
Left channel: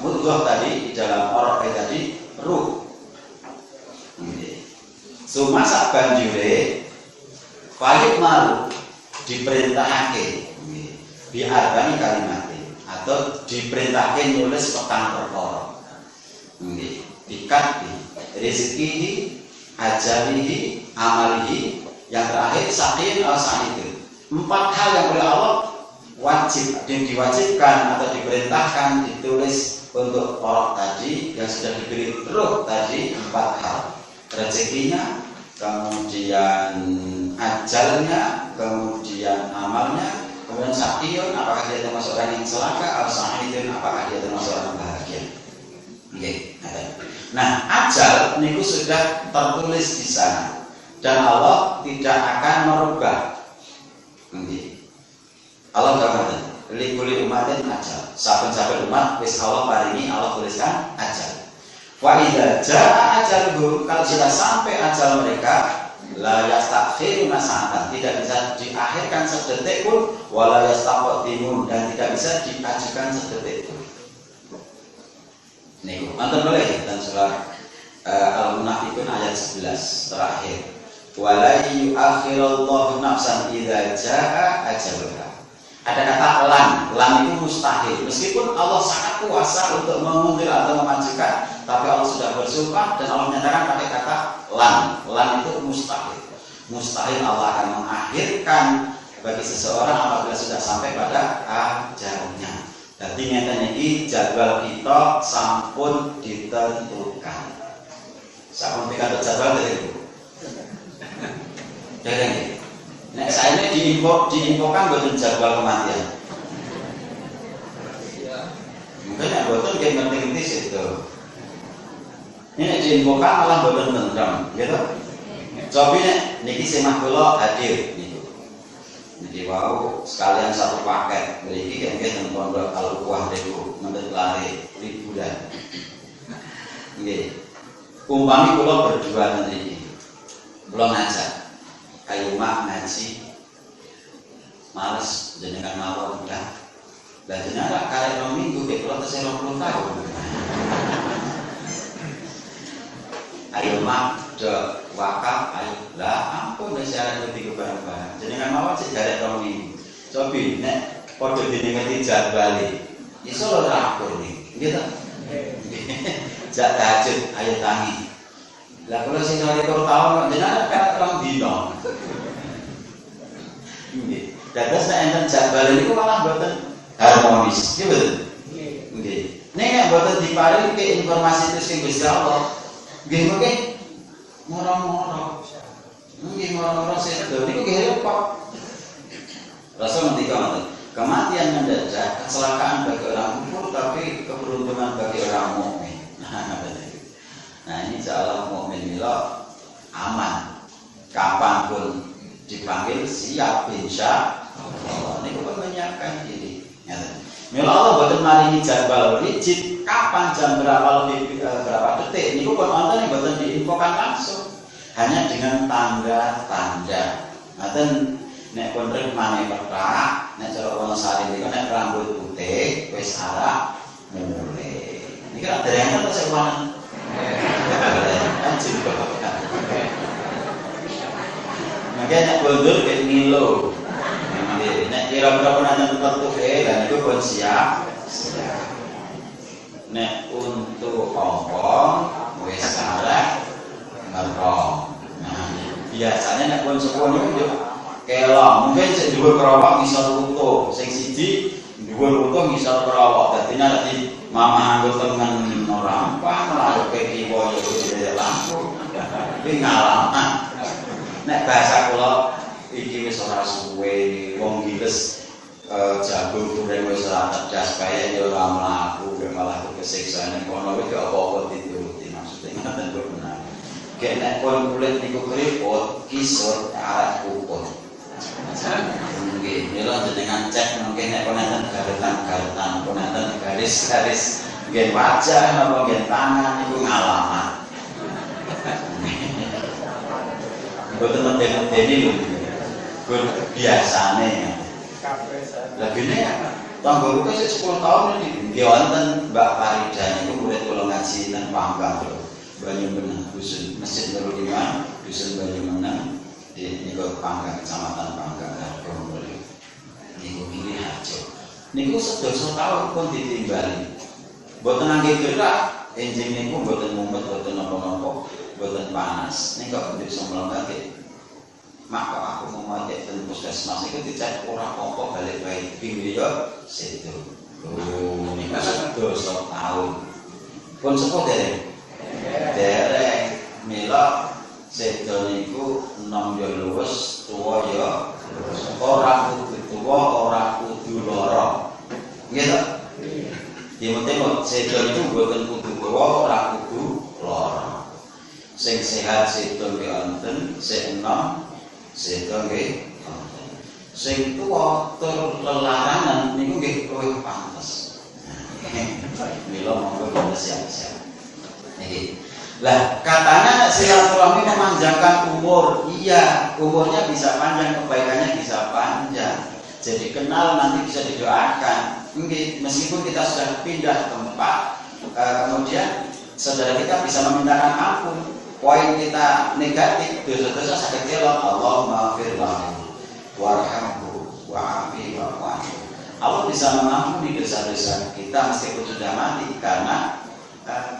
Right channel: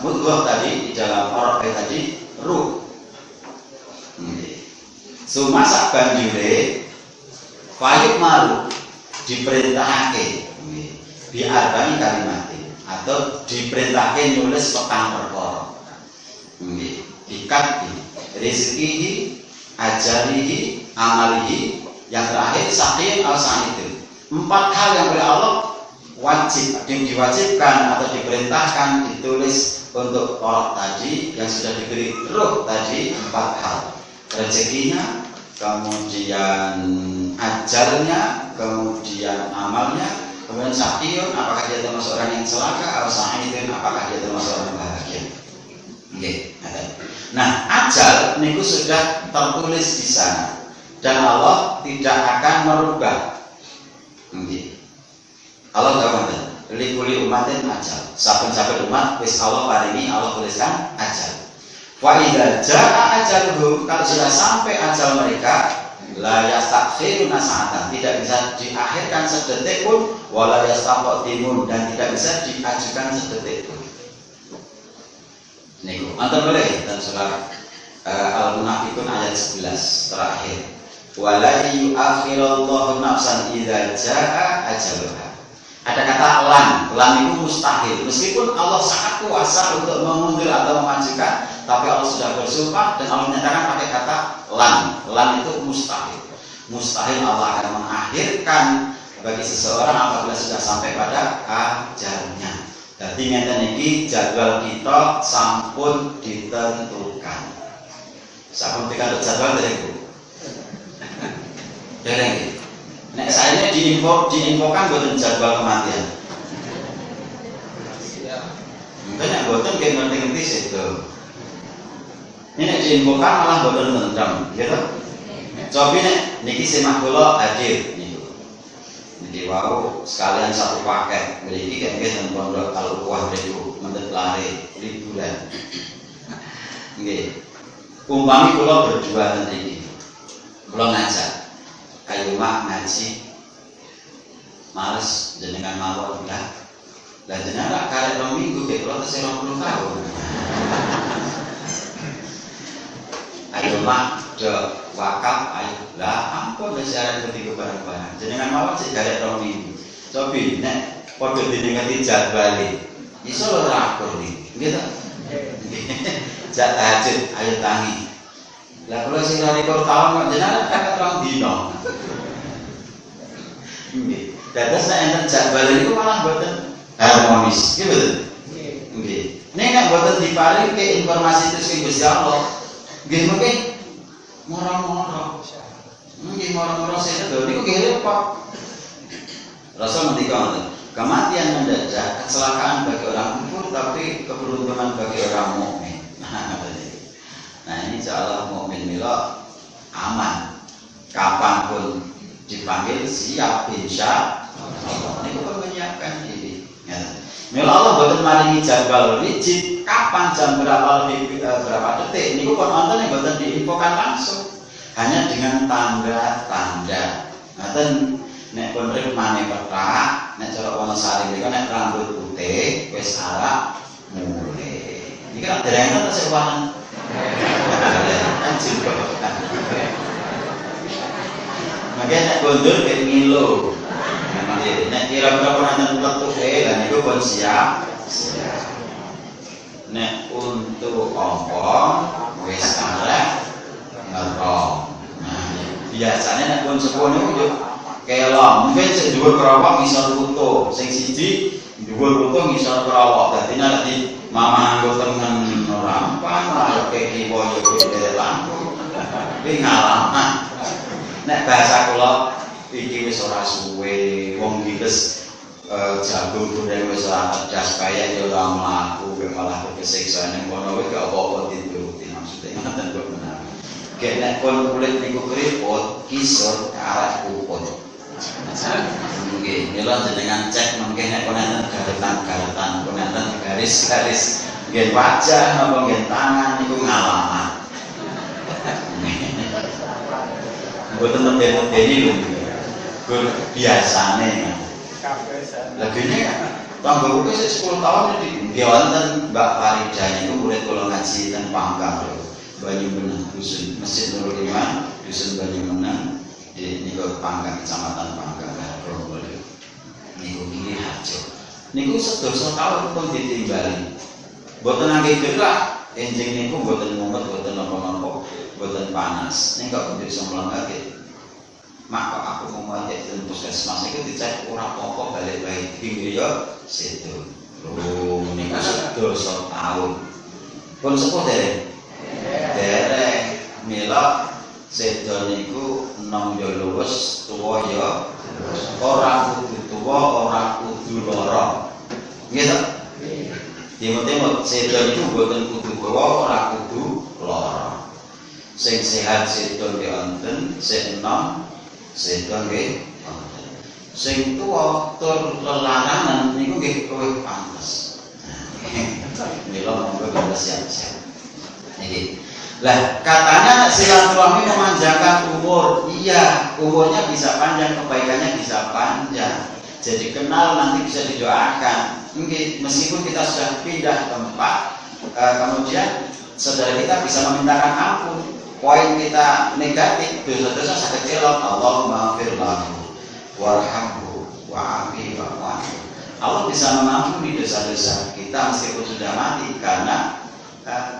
mudghah tadi, di dalam orang tadi ruh. Suma sabanjure fayuk maru diperintahake biarbani kalimat atau diperintahake nulis petang perkara. Ikat rezekihi, ajalihi, amalihi, yang terakhir sakin al sa'id. 4 hal yang oleh Allah wajib, yang diwajibkan atau diperintahkan ditulis untuk orang tadi yang sudah diberi ruh tadi. 4 hal: rezekinya, kemudian ajalnya, kemudian amalnya, kemudian sakiyun, apakah dia termasuk orang yang celaka, atau sa'idun, apakah dia termasuk orang bahagia. Nah, ajal niku sudah tertulis di sana dan Allah tidak akan merubah. Allah nggak benar. Likuli umatin ajal. Saben-saben umat wis Allah paringi, Allah tuliskan ajal. Wa idza jaa ajaluhum, kalau sudah sampai ajal mereka, la yastakhiruna sa'atan, tidak bisa diakhirkan sedetik pun, wala yastaqdimun, dan tidak bisa diajukan sedetik pun. Nih, mantap boleh dan surah Al-Munafiqun ayat 11 terakhir. Wala yu'akhirullahu nafsan idza jaa ajaluha. Ada kata lan itu mustahil. Meskipun Allah sangat kuasa untuk mengundur atau memajukan, tapi Allah sudah bersumpah dan Allah menyatakan pakai kata lan. Lan itu mustahil. Mustahil Allah akan mengakhirkan bagi seseorang apabila sudah sampai pada ajalnya. Jadi ngeten iki jadwal kita sampun ditentukan. Sampun pikantuk jadwal dari Bu. Dereng. Nek saya diinfokan boten jadwal kematian. Mungkin nek boten nggih ngerti-ngerti situ. Ini nek diinfokan malah boten nentang, gitu. Cobi nek niki semah kula hadir niku. Niki wau sekalian satu paket. Mriki nggih teng pondok Al-Quwah niku mendhet lare liburan. Nggih. Umpami kula berdua ten mriki. Kula ngajak ayo mak ngaji, males jenengan mawon lah. Lah jenengan karek 2 minggu ke kula tesih 20 tahun. Ayo mak do wakaf ayo. Lah ampun wis arep ngerti barang-barang. Jenengan mawon sik karek 2 minggu. Cobi nek padha dinengeti jadwale. Iso lho rakur iki. Nggih to? Jak tahajud ayo tangi. Lah kalau sing nari tahun jenengan kan 2 dino. Nggih. Dados nek enten jadwal niku malah mboten harmonis. Nggih mboten? Nggih. Nek nek mboten diparingi informasi terus sing Gusti Allah, nggih mengke moro-moro. Nggih moro-moro sedo niku nggih repot. Rasul ngendika ngoten, kematian mendadak, kecelakaan bagi orang kufur tapi keberuntungan bagi orang mukmin. Nah ini insyaallah mukmin mila aman. Kapanpun dipanggil siap insya Allah. Ini kita menyiapkan diri. Mila Allah boten maringi jadwal rigid kapan jam berapa lebih berapa detik. Niku pun wonten yang boten diinfokan langsung. Hanya dengan tanda-tanda. Ngaten nek pun rikmane perak, nek cara Wonosari niku nek rambut putih wis arep mulai. Niki ra dereng terus sewanen. Makanya nek gondol kayak milo. Nek kira-kira pun ada letuke lah niku pun siap. Nek untuk apa wis arek ngerok. Nah, biasanya nek pun sepuh niku yo kela, mungkin sing dhuwur kerawak ngisor runtuh, sing siji dhuwur runtuh ngisor kerawak. Dadi nek mama anggo tengen ora apa kaya kiwa yo dhewe lampu. Iki ngalaman. Nek bahasa kula iki wis ora suwe wong gites jagung goreng wis ora cerdas kaya ya ora mlaku malah kesiksa ning kono wis gak apa-apa dituruti maksude ngoten kok menawa. Gek nek kon kulit niku keriput kisut arek kuput. Nggih, mila jenengan cek mungkin nek kon enten garetan-garetan, kon enten garis-garis nggih wajah napa nggih tangan niku ngalaman. Mboten medeni lho. Gur biasane. Lah gini ya, tangga buku 10 tahun di wonten Mbak Farida niku murid kula ngaji ten Pangkang lho. Banyumeneng dusun Masjid Nurul Iman, dusun Banyumeneng di niku Pangkang Kecamatan Pangkang Probolinggo. Niku kiri hajo. Niku sedasa tahun pun ditimbali. Mboten nangge gerak, enjing niku mboten mumet, mboten napa-napa, mboten panas. Ning kok bisa mlengake. Maka aku mau ajak ke puskesmas itu dicek ora apa-apa balik wae pinggir ya sedo. Oh niku sedasa tahun. Pun sepuh dereng. Dereng mila sedo niku enom ya luwes, tuwa ya ora kudu tuwa, ora kudu lara. Nggih to? Timut-timut sedo niku boten kudu tuwa, ora kudu lara. Sing sehat sedo nggih wonten, sing enom sedo nggih sing tuwa tur lelarangan niku nggih luwih pantes. Mila monggo kita siap-siap. Niki. Lah katanya silaturahmi memanjangkan umur. Iya, umurnya bisa panjang, kebaikannya bisa panjang. Jadi kenal nanti bisa didoakan. Nggih, meskipun kita sudah pindah tempat, kemudian saudara kita bisa memintakan ampun. Poin kita negatif, dosa-dosa sakit elok, Allahumma maghfir lahu warhamhu wa'afi wa'fu. Allah bisa mengampuni dosa-dosa kita meskipun sudah mati karena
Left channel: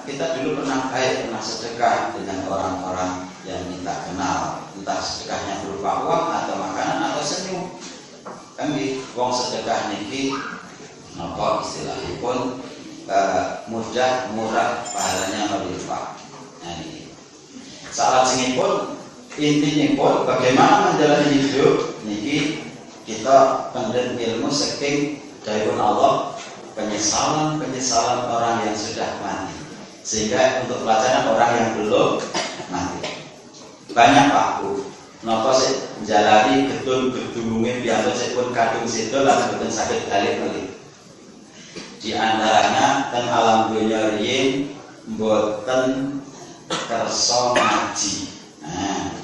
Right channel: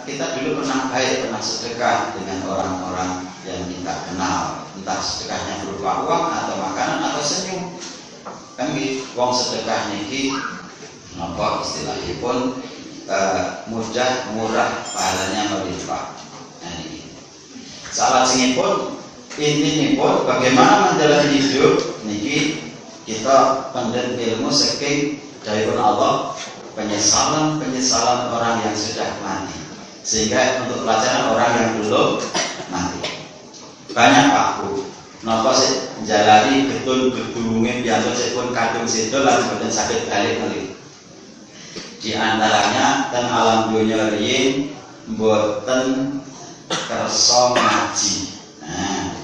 kita dulu pernah baik, pernah sedekah dengan orang-orang yang kita kenal, entah sedekahnya berupa uang atau makanan atau senyum. Kan wong sedekah niki napa istilahipun mudah, murah, pahalanya melimpah. Nah, salah singipun intinya pun bagaimana menjalani hidup niki kita pendem ilmu saking dawuh Allah penyesalan orang yang sudah mati sehingga untuk pelajaran orang yang belum mati banyak waktu napa sih menjalani gedung-gedunge piantun pun kadung situ lan boten saged balik malih di antaranya ten alam dunya riyin mboten kersa ngaji. Nah,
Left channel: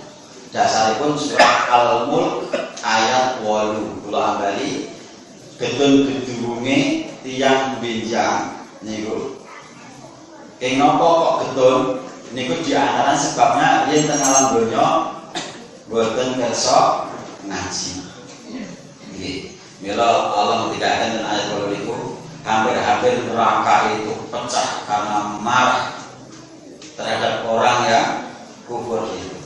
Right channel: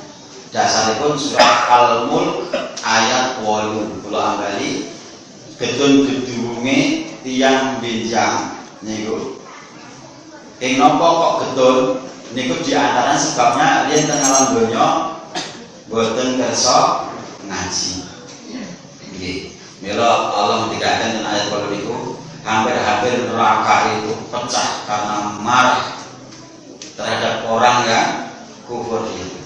dasaripun surat Al-Mulk ayat 8. Kula ambali gedung-gedunge tiyang benjang niku. Ing napa kok gedung niku di antara sebabnya yen teng alam donya boten kersa ngaji. Nggih. Mila Allah ngendikaken ten ayat 8 niku hampir-hampir neraka itu pecah karena marah terhadap orang yang kufur itu.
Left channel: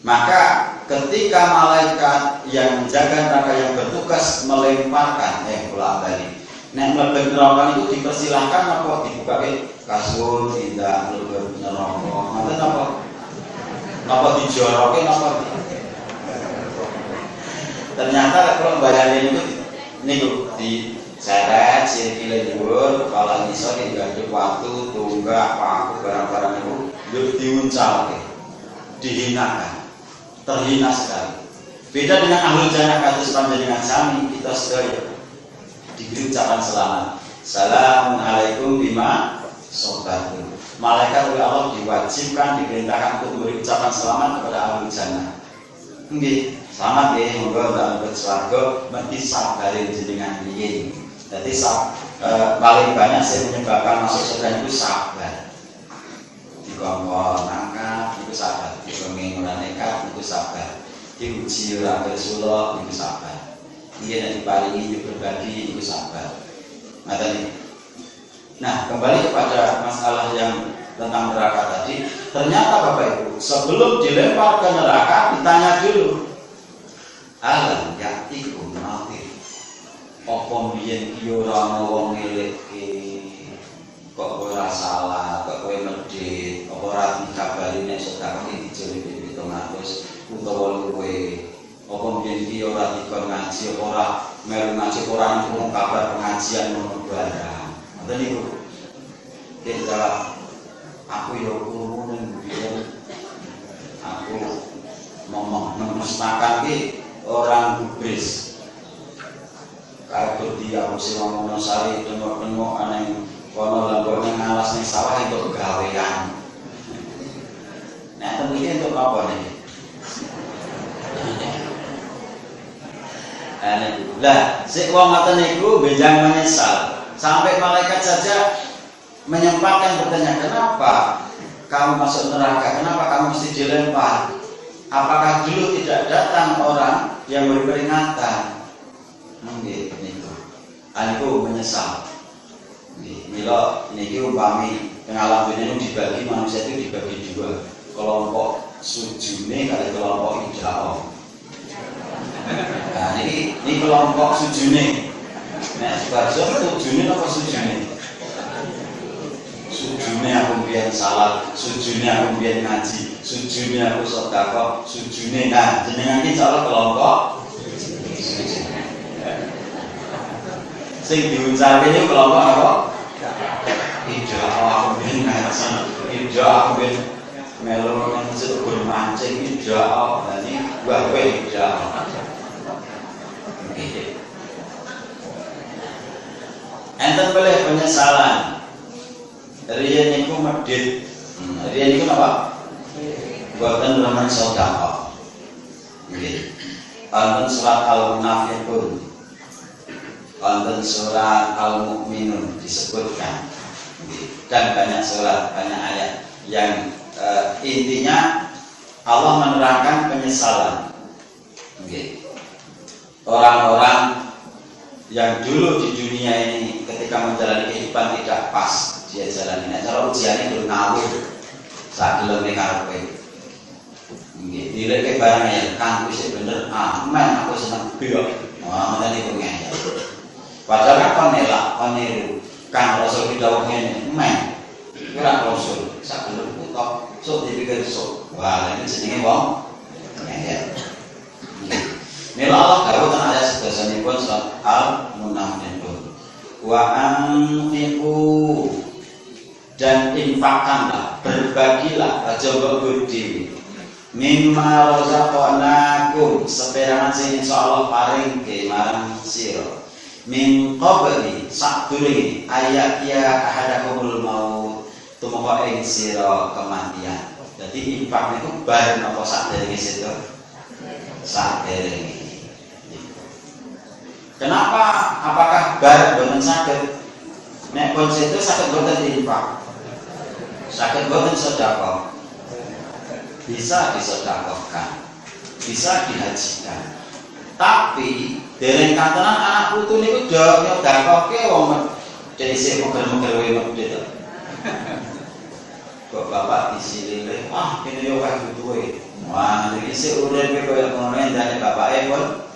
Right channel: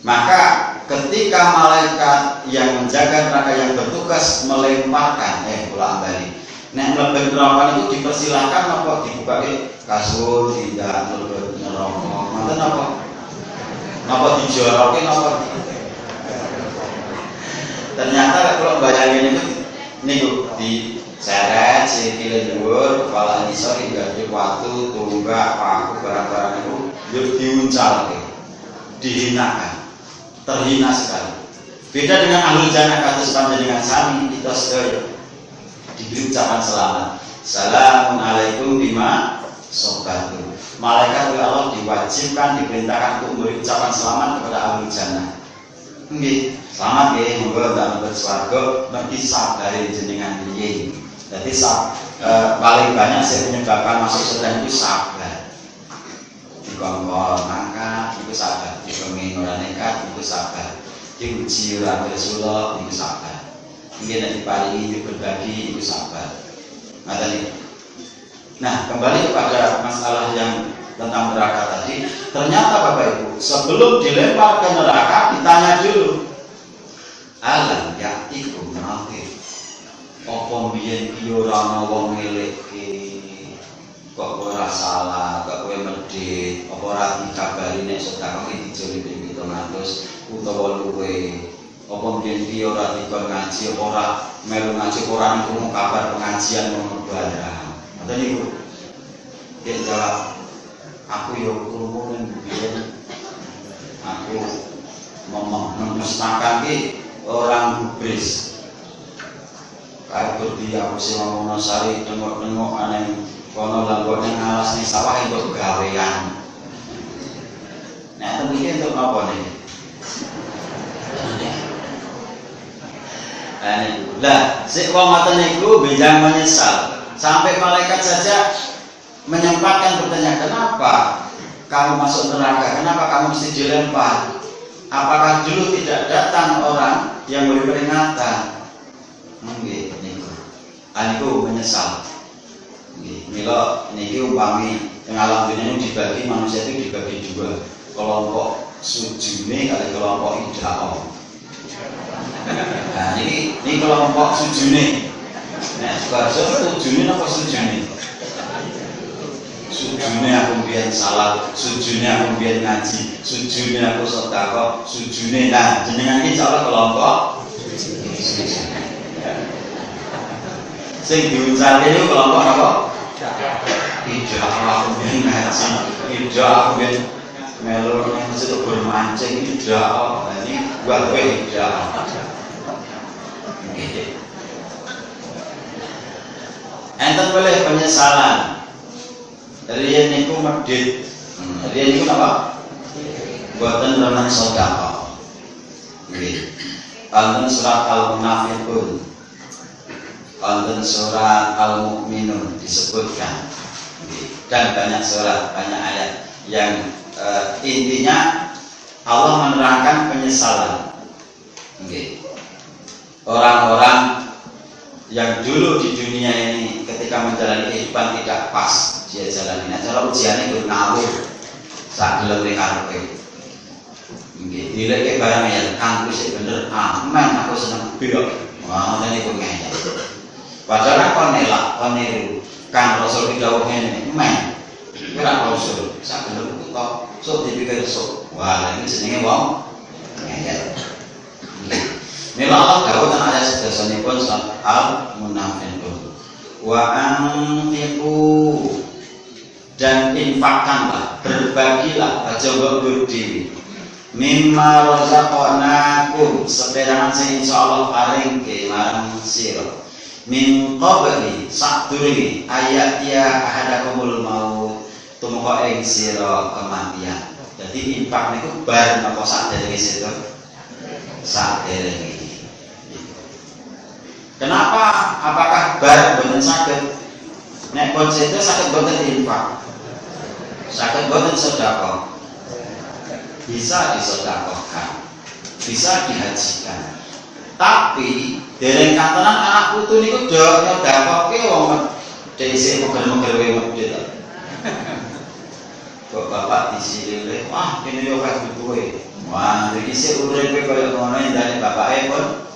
Maka ketika malaikat yang menjaga neraka yang bertugas melemparkan kula ambali nek mlebu neraka itu dipersilahkan apa dibuka kasur tidak mlebu neraka ngoten apa napa dijoroke napa ternyata kalau bayangin niku di seret sikile dhuwur kepala ngisor diganti watu tunggak paku barang-barang itu yo diuncalke dihinakan terhina sekali. Beda dengan ahlul jannah kados panjenengan sami kita sedaya diberi ucapan selamat. Assalamun alaikum bima sabartum. Malaikat oleh Allah diwajibkan diperintahkan untuk memberi ucapan selamat kepada ahlul jannah. Nggih, selamat nggih, monggo ndak swarga mergi sabare jenengan piye. Jadi paling banyak yang menyebabkan masuk surga itu sabar. Dikongkon mangkat itu sabar, dikongkon ora nekat itu sabar, diuji ora bersuluk itu sabar. Nggih nek diparingi berbagi iku sabar. Ngaten iki. Nah, kembali kepada masalah yang tentang neraka tadi, ternyata Bapak Ibu, sebelum dilempar ke neraka ditanya dulu, alam yaktikum nadhir. Apa mbiyen ki ora ana wong ngeleke, kok ora salah, kok kowe medhit, apa ora dikabari nek sedekah iki dijoli 700 utawa luwe. Apa mbiyen ki ora dikon ngaji, apa ora melu ngaji, ora nunggu kabar pengajian ngono barang. Ngoten niku. Yen jawab, aku yo krungu ning mbiyen aku memestakan ki orang gubris. Kayak dia aku sing ngomong sari tengok-tengok aneh kono lan ning alas ning sawah entuk gawean. Nek temiki entuk apa nih? Lah, sik wong ngoten niku benjang menyesal. Sampai malaikat saja menyempatkan bertanya, kenapa kamu masuk neraka? Kenapa kamu mesti dilempar? Apakah dulu tidak datang orang yang beri peringatan? Nggih, niku. Aniku menyesal. Nggih, mila niki umpami teng alam dunia ini dibagi, manusia itu dibagi dua. Kelompok sujune kali kelompok idao. Nah, ini kelompok sujune. Nah, Sukarso sujune apa sujune? Sujune aku mbiyen salat, sujune aku mbiyen ngaji, sujune aku sedekah, sujune. Nah, jenengan iki cara kelompok sing diuncalke niku kelompok apa? Tidak aku mbiyen ngaji, tidak aku mbiyen melu nang masjid bermancing, tidak. Ini buat kowe tidak. Enten boleh penyesalan. Riyen niku medhit. Riyen niku napa? Boten remen sedekah. Nggih. Wonten surat Al-Munafiqun. Wonten surat Al-Mu'minun disebutkan. Dan banyak surat, banyak ayat yang intinya Allah menerangkan penyesalan. Nggih. Orang-orang yang dulu di dunia ini ketika menjalani kehidupan tidak pas dia jalani. Nek cara ujiane itu nawir sak gelem karepe. Nggih, dileke barang ya aku sik bener aman aku seneng biok. Wah, ngoten niku ngene. Padahal kon nelak, kon niru. Kang Rasul ki dawuh ngene, men. Iki ora rasul, sak gelem kok sok dipikir sok. Wah, ini jenenge wong ngene. Nila Allah dawuh nang ayat sedasanipun surat Al-Munafiqun. Wa anfiqu, dan infakkanlah, berbagilah, aja mbok berdiri. Mimma razaqnakum, seperangan sing insyaallah paringke marang sira. Min qabli, sadurunge ayat ya ahadakumul maut, tumeka ing sira kematian. Jadi infak niku bareng apa saderenge situ? Saderenge. Kenapa? Apakah bar boten saged? Nek pun situ saged boten infak. Saged boten sedekah. Bisa disedekahkan. Bisa dihajikan. Tapi dereng kantenan anak putu niku do nyodakoke wong dhisik mugel-mugel wae medhit. Kok bapak disilile, wah kene yo kae butuhe. Wah, iki sik uripe koyo ngono ndane bapake pun.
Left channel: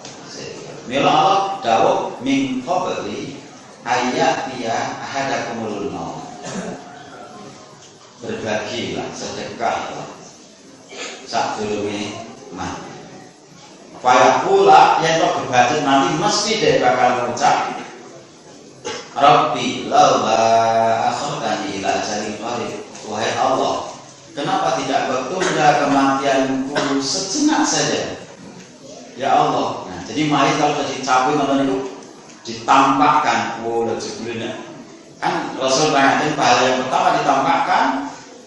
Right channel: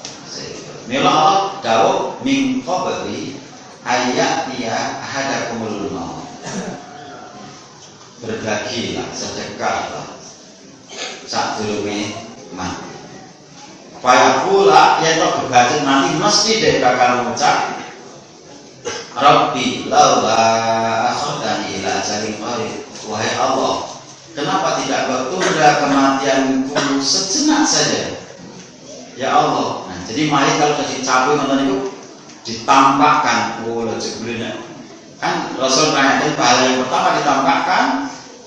Nila Allah dawuh min qabli ayat ya ahadakumul maut. Berbagilah, sedekahlah sadurunge mati. Kaya pula yen tok bebajet mati mesti dhek bakal ngucap Rabbi laula akhartani ila ajalin qarib. Wahai Allah, kenapa tidak kau tunda kematianku sejenak saja? Ya Allah. Jadi mari kalau sudah dicapai ngoten niku ditampakkan, lha jebulene. Kan Rasul mengajarkan pahala yang pertama ditampakkan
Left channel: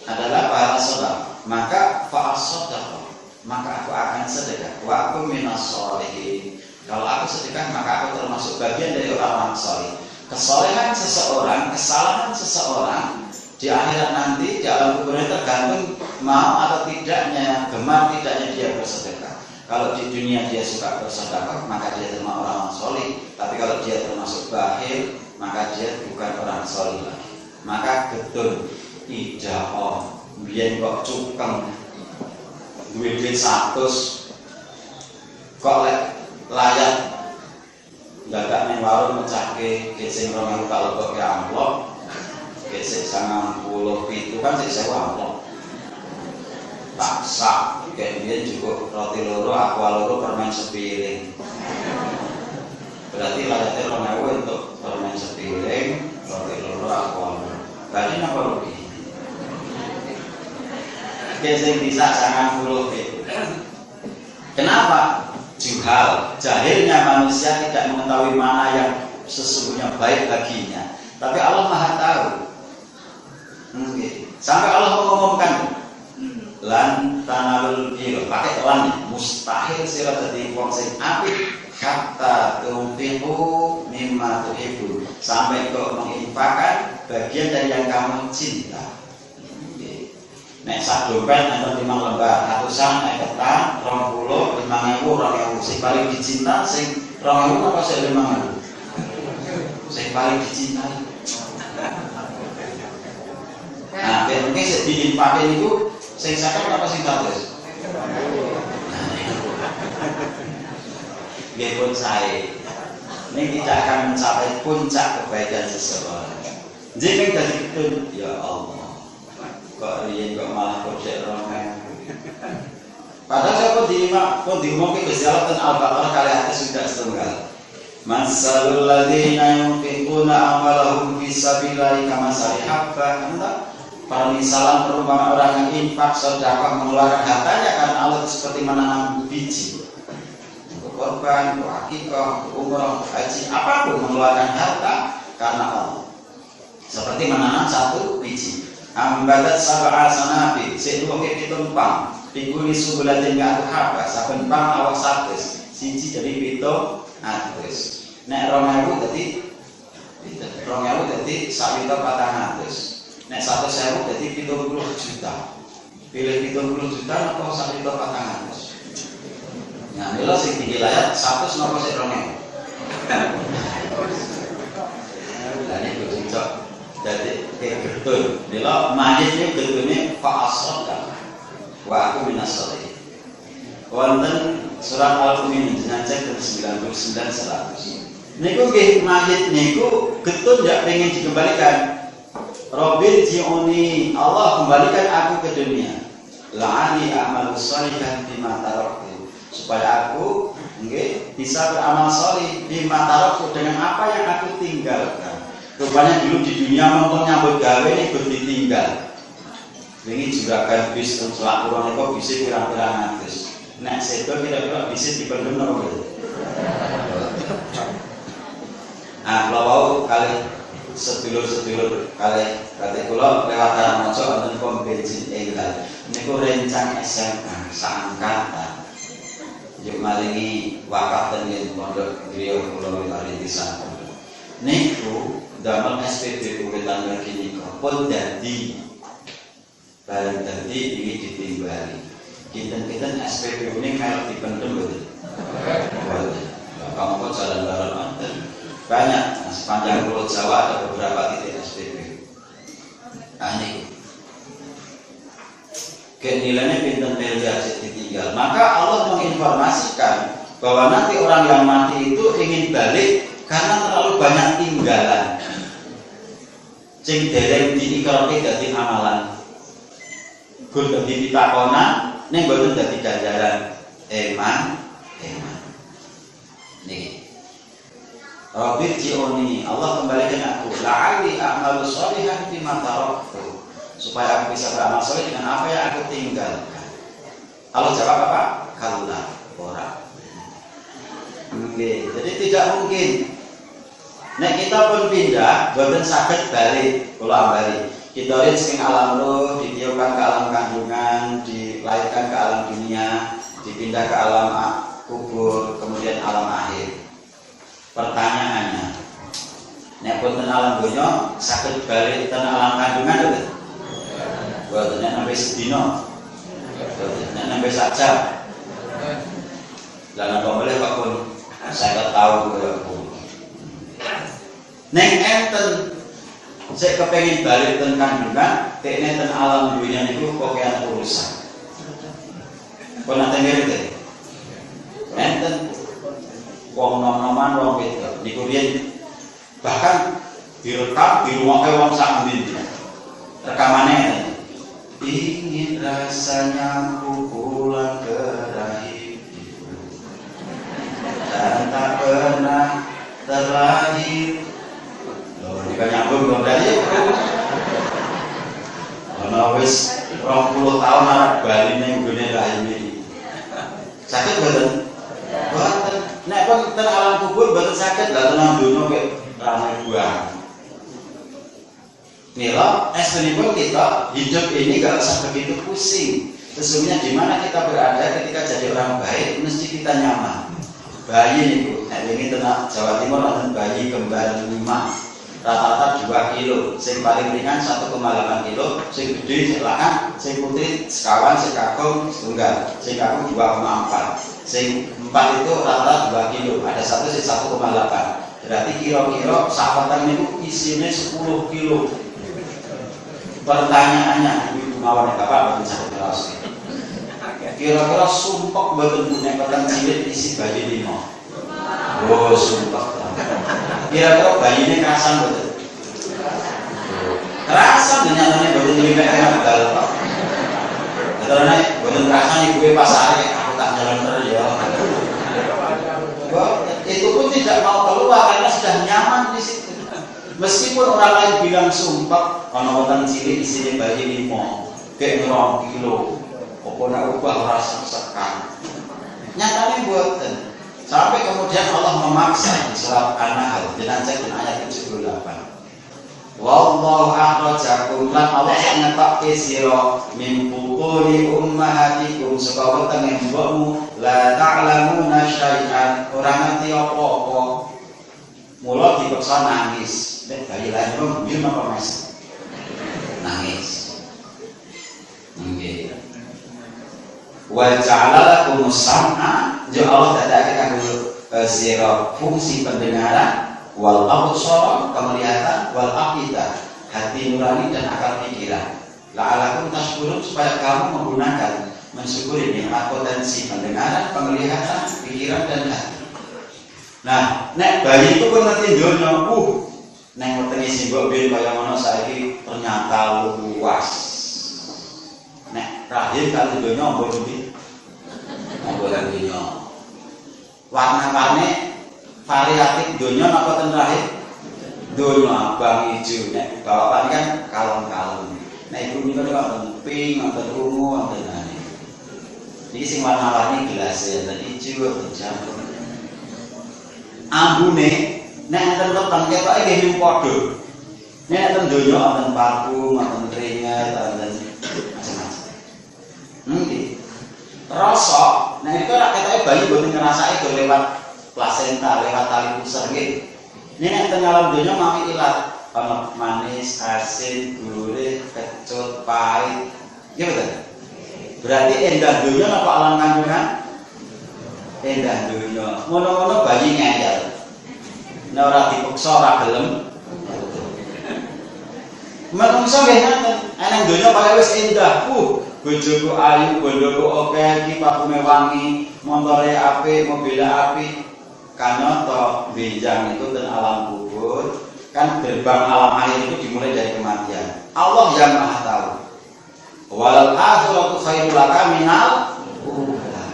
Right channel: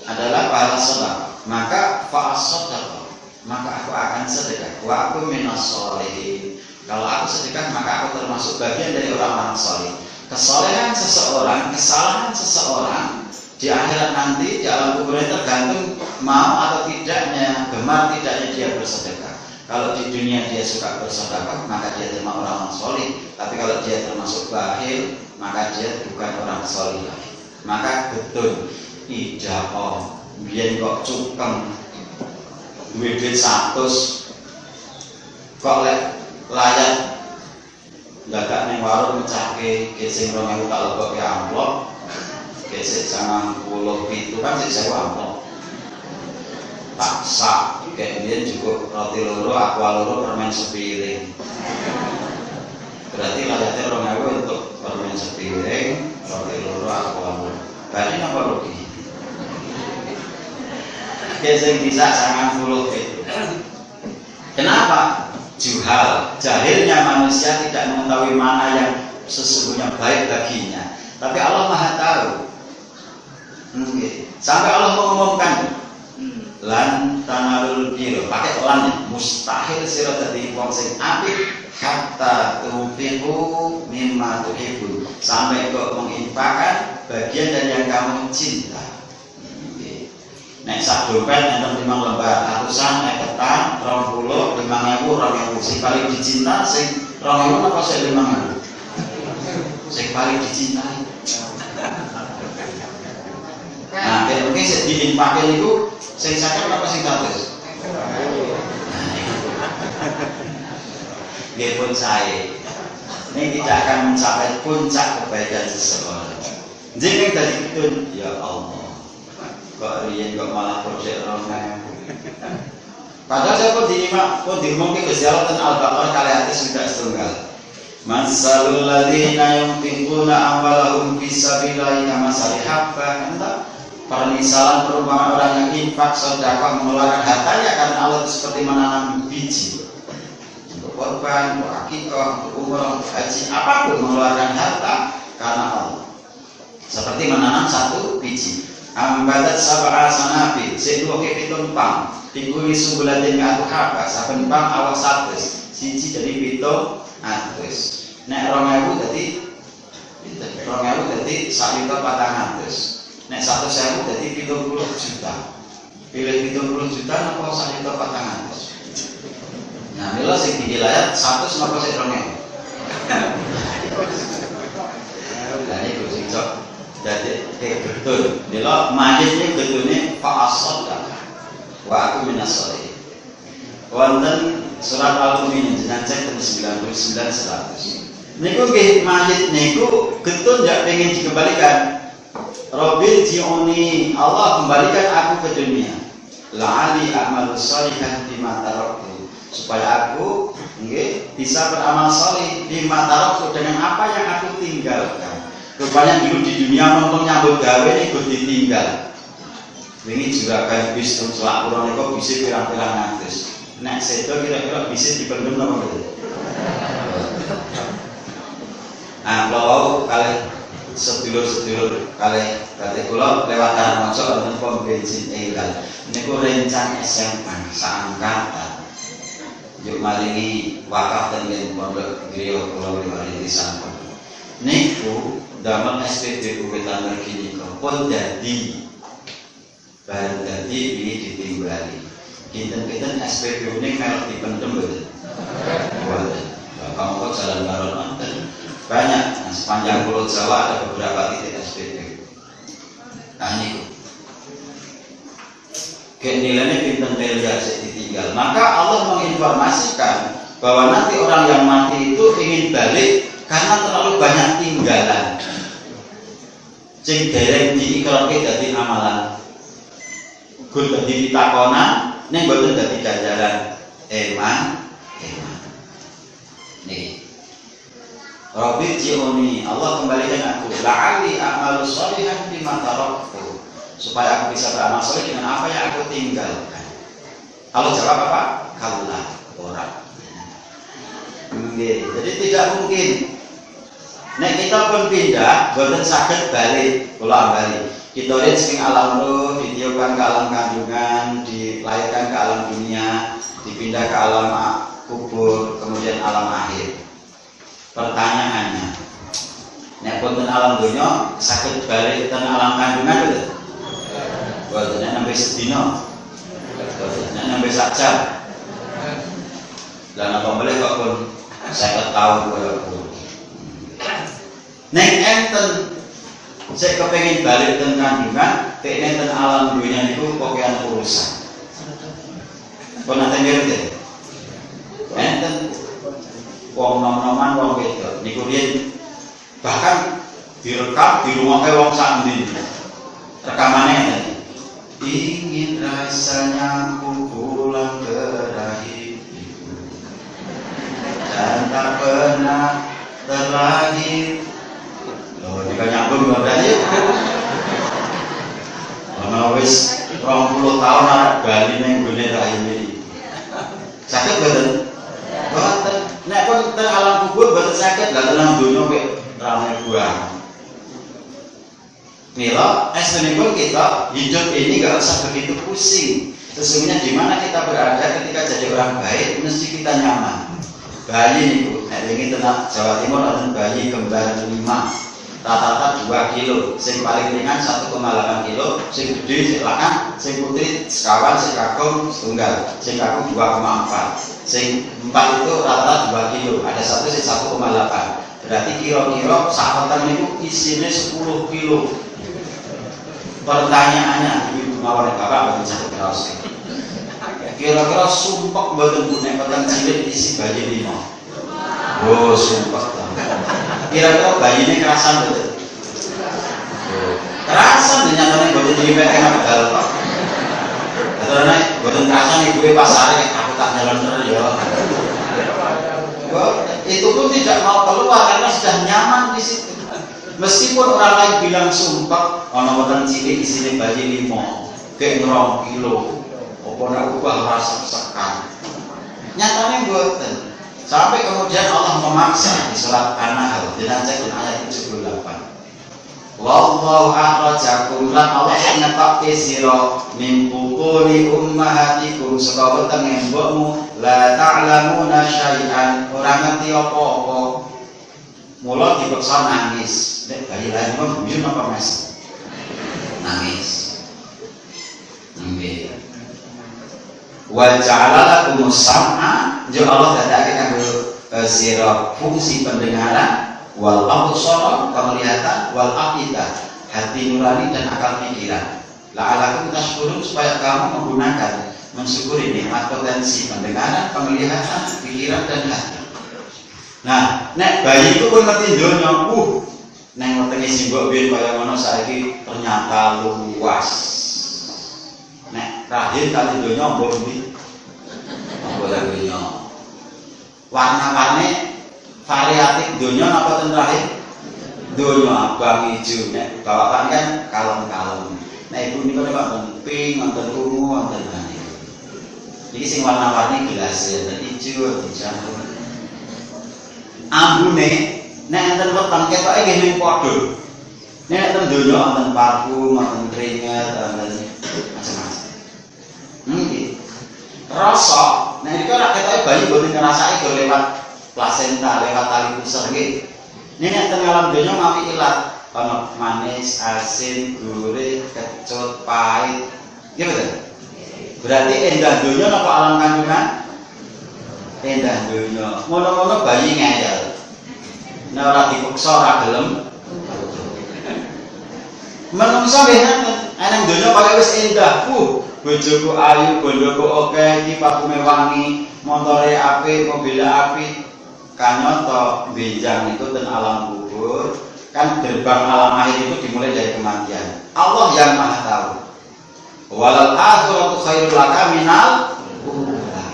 adalah pahala sedekah. Maka fa'asadaq, maka aku akan sedekah. Wa aku minas sholihin. Kalau aku sedekah maka aku termasuk bagian dari orang-orang saleh. Kesolehan seseorang, kesalahan seseorang di akhirat nanti di alam kubur tergantung mau atau tidaknya, gemar tidaknya dia bersedekah. Kalau di dunia dia suka bersedekah, maka dia termasuk orang soleh. Tapi kalau dia termasuk bakhil, maka dia bukan orang soleh lagi. Maka getun ija'ah biyen kok cukeng duwe duit 100 kok lek layak dadak ning warung mecahke gesing 2000 tak lebokke amplop gesik 97 kan sik 1000 amplop tak sak kayak biyen cukup roti loro aqua loro permen sepiring berarti layaknya 2000 untuk permen sepiring roti loro aqua loro berarti apa rugi gesing bisa 90. Kenapa? Jahilnya manusia tidak mengetahui mana yang sesungguhnya baik baginya. Tapi Allah Maha tahu. Sampai Allah mengumumkan lan tanalul birra, pakai lan mustahil sira dadi wong sing apik hatta tunfiqu mimma tuhibbun, sampai kok menginfakkan bagian dari yang kamu cinta. Nek sak dompet enten 5 lembar, atusan nek ketan 20, 5.000, 2.000. Sing paling dicinta sing 2.000 apa sing 5.000? Sing paling dicintai. Nah, mungkin sing diinfake niku sing 50 apa sing 100? Nggih pun saya. Ini tidak akan mencapai puncak kebaikan seseorang. Jeneng dadi tun, ya Allah. Kok riyen kok malah projek romen. Padahal saya pun diumumkan berjalan Al-Baqarah kali hati sudah setunggal. Masalul ladzina yunfiquna amwalahum fi sabilillahi kamathali habbah. Permisalan perumpamaan orang yang infak sedekah mengeluarkan hartanya karena Allah itu seperti menanam biji. Untuk korban, untuk akikah, untuk umrah, untuk haji, apapun mengeluarkan harta karena Allah. Seperti menanam satu biji. Ambadat sab'al sanabi sing duwe pitung pang tingkuli subulatin ngatu haba saben pang awak 100 siji jadi 700 nek 2000 dadi 2000 dadi 1.400 nek 100.000 dadi 70 juta pilih 70 juta napa 1.400 nah mila sing dilayat 100 napa sik 2000 lah iki sing cocok jadi kayak getun, dia majisnya getunnya fa'asoda wa aku minasori. Wonten surat Al-Mu'min dengan cek 99 100. Niku nggih majid niku getun jak pengen dikembalikan. Robbil ji'uni, Allah kembalikan aku ke dunia. La'ali a'malu sholihan bima taraktu, supaya aku nggih bisa beramal sholih bima taraktu dengan apa yang aku tinggalkan. Rupanya dulu di dunia mentung nyambut gawe ini ikut ditinggal. Ini juragan bis selak kurang itu bisa pirang-pirang ngatus. Nek sedo kira-kira bisa dipendem apa gitu. Nah, kalau kali sedulur-sedulur kali berarti kula lewat Karamangsa wonten pom bensin Enggal. Niku rencang SMA saangkatan. Yuk maringi wakaf ten pondok griya kula wiwari disampun. Niku dalam SPBU Wetan Mergini pun jadi barang tadi ini ditimbali kinten-kinten SPBU ini melok dipendem betul kamu kok jalan barat manten banyak sepanjang Pulau Jawa ada beberapa titik SPBU nah ini nilainya kinten teljak ditinggal maka Allah menginformasikan bahwa nanti orang yang mati itu ingin balik karena terlalu banyak tinggalan sing dereng diikrarke dadi amalan. Gun dadi pitakonan ning mboten dadi ganjaran eman. Niki. Rabbi ji'uni, Allah kembalikan aku la'ali a'malu sholihan bima taraktu, supaya aku bisa beramal saleh dengan apa yang aku tinggalkan. Allah jawab apa? Kalla, ora. Nggih, jadi tidak mungkin nek kita pun pindah, boten saged balik, kula balik. Kita saking alam roh, ditiupkan ke alam kandungan, dilahirkan ke alam dunia, dipindah ke alam kubur, kemudian alam akhir. Pertanyaannya, nek boten alam dunia, saged balik ten alam kandungan lho. Boten nek nembe sedina. Boten nek nembe sak jam. Lan apa boleh kok pun saya tahu kok. Nek enten saya kepengin balik teng kandungan, tekne teng alam dunia niku kokean urusan. Pun nate mirip deh. Enten wong nom-noman wong wedok niku riyen bahkan direkam di rumah wong sak endi. Rekamane enten. Ingin rasanya ku pulang ke rahim ibu dan tak pernah terlahir. Loh, ini kan nyambung berarti karena wis 20 tahun anak Bali ning gone rahim iki. Sakit boten? Boten. Nek kon teng alam kubur boten sakit, lah tenang donya kok ramai buang. Mila, pun kita hidup ini gak usah begitu pusing. Sesungguhnya di mana kita berada ketika jadi orang baik, mesti kita nyaman. Bayi nih bu, ini tenang Jawa Timur ada bayi kembar 5, rata-rata 2 kilo. Sing paling ringan 1,8 kilo, sing gede silakan, sing putri sekawan, sing kakung setunggal, sing kakung 2,4, sing 4 itu rata-rata 2 kilo. Ada satu sing 1,8. Berarti kira-kira sahabat ini isinya 10 kilo. Pertanyaannya, ibu mawar bapak betul sakit terus. Kira-kira sumpek betul nek peteng cilik isi bayi 5. Oh sumpek. Kira-kira bayi ini kerasan betul. Kerasan dinyatakan betul ini pengen betul. Karena betul kerasan ibu pasar aku tak nyalon terus ya. Itu pun tidak mau keluar karena sudah nyaman di situ. Meskipun orang lain bilang sumpah, ono wonten cilik isine bayi 5, kek 2 kilo, apa nek ubah rasa sekan. Nyatane mboten. Sampai kemudian Allah memaksa di surat An-Nahl dengan ayat 78. Wallahu akhrajakum lan Allah ngetokke sira min butuni ummahatikum saka wetenge mbokmu la ta'lamuna syai'an ora ngerti apa-apa. Mula dipaksa nangis. Nek bayi lain kok mbiyun apa mes? Nangis. Nggih. Wa ja'ala lakum sam'a, jo Allah dadake kanggo sira fungsi pendengaran, wal absara penglihatan, wal afida hati nurani dan akal pikiran. La'alakum tashkurun supaya kamu menggunakan mensyukuri nikmat potensi pendengaran, penglihatan, pikiran dan hati. Nah, nek bayi itu pun ngerti donya, neng wetenge simbok biyen kaya ngono saiki ternyata luas. Nek rahim kali donya mbok ndi? Mbok donya. Warna-warni variatif donya napa ten rahim? Donya abang ijo. Nek bapak kan kalem-kalem. Nek ibu niku nek pink, wonten ungu, wonten ane. Iki sing warna-warni gelas ya, ijo, jamur. Ambune nek enten weteng ketoke nggih ning padha. Nek enten donya wonten parfum, wonten keringet, wonten macam-macam. Nggih. Rasa nek iku rak ketoke bayi mboten ngrasake go lewat plasenta, lewat tali pusar nggih. Nek enten alam donya mawi ilat, ana manis, asin, gurih, kecut, pahit. Nggih betul? Berarti endah donya napa alam kandungan? Endah donya. Ngono-ngono bayi ngandel. Nek ora dipaksa ora gelem. Menungso nggih ngoten. Eneng donya paling wis endah. Bojoku ayu, bondoku akeh, iki parfume wangi, motore apik, mobil apik. Kanyata benjang itu ten alam kubur. Kan gerbang alam akhir itu dimulai dari kematian. Allah yang Maha tahu. Walal akhiratu khairul laka minal ula.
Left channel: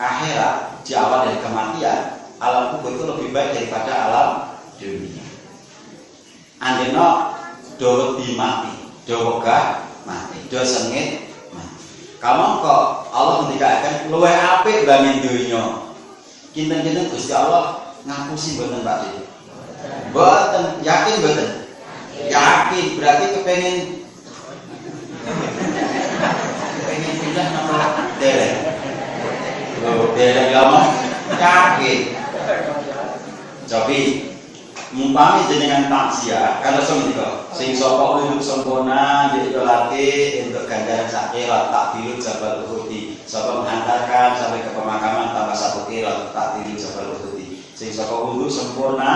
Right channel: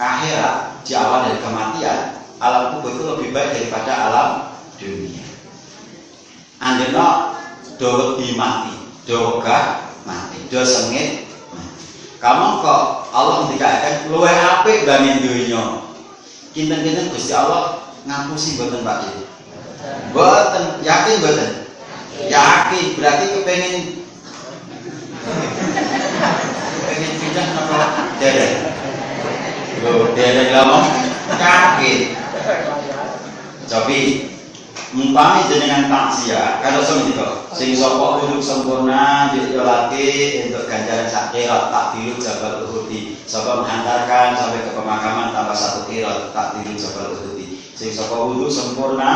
Akhirat di awal dari kematian, alam kubur itu lebih baik daripada alam dunia. Andena do mati, do wegah mati, do sengit mati. Kamu kok Allah ngendikaken luwih apik banging donya. Kinten-kinten Gusti Allah ngapusi mboten Pak Dik? Mboten, yakin mboten? Yakin, berarti kepengen pindah napa derek? Oh, derek ngomong yakin. Cobi umpami jenengan takziah kalau semenika sing sapa uluk sempurna yo lati untuk ganjaran sak qiraat tak dilu Jabal Uhudi, sapa menghantarkan sampai ke pemakaman tambah 1 qiraat tak dilu Jabal Uhudi, sing sapa uluk sempurna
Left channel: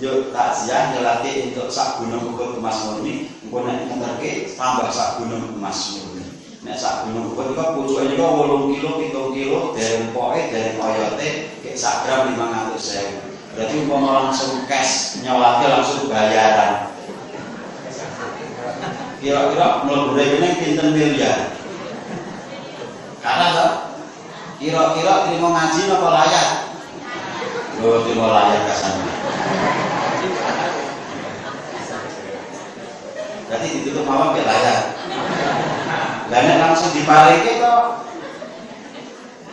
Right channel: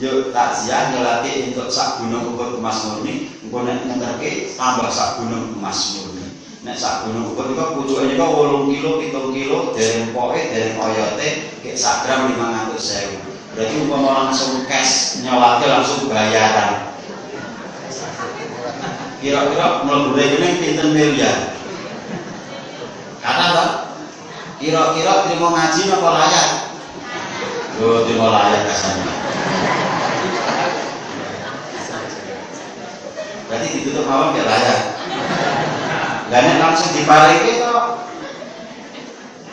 yo takziah yo lati untuk sak gunung Uhud emas murni, engko nek ngenterke tambah sak gunung emas murni. Nek sak gunung Uhud iku pucuke niku 8 kilo 7 kilo dereng poke dereng oyote kek sak gram 500.000. Berarti umpama langsung cash nyolate langsung bayaran. Kira-kira mlebu rekening pinten miliar? Kata toh? Kira-kira terima ngaji napa layak? Oh, terima layak kasane. Berarti ditutup mawon gak layak. Lah nek langsung diparike kok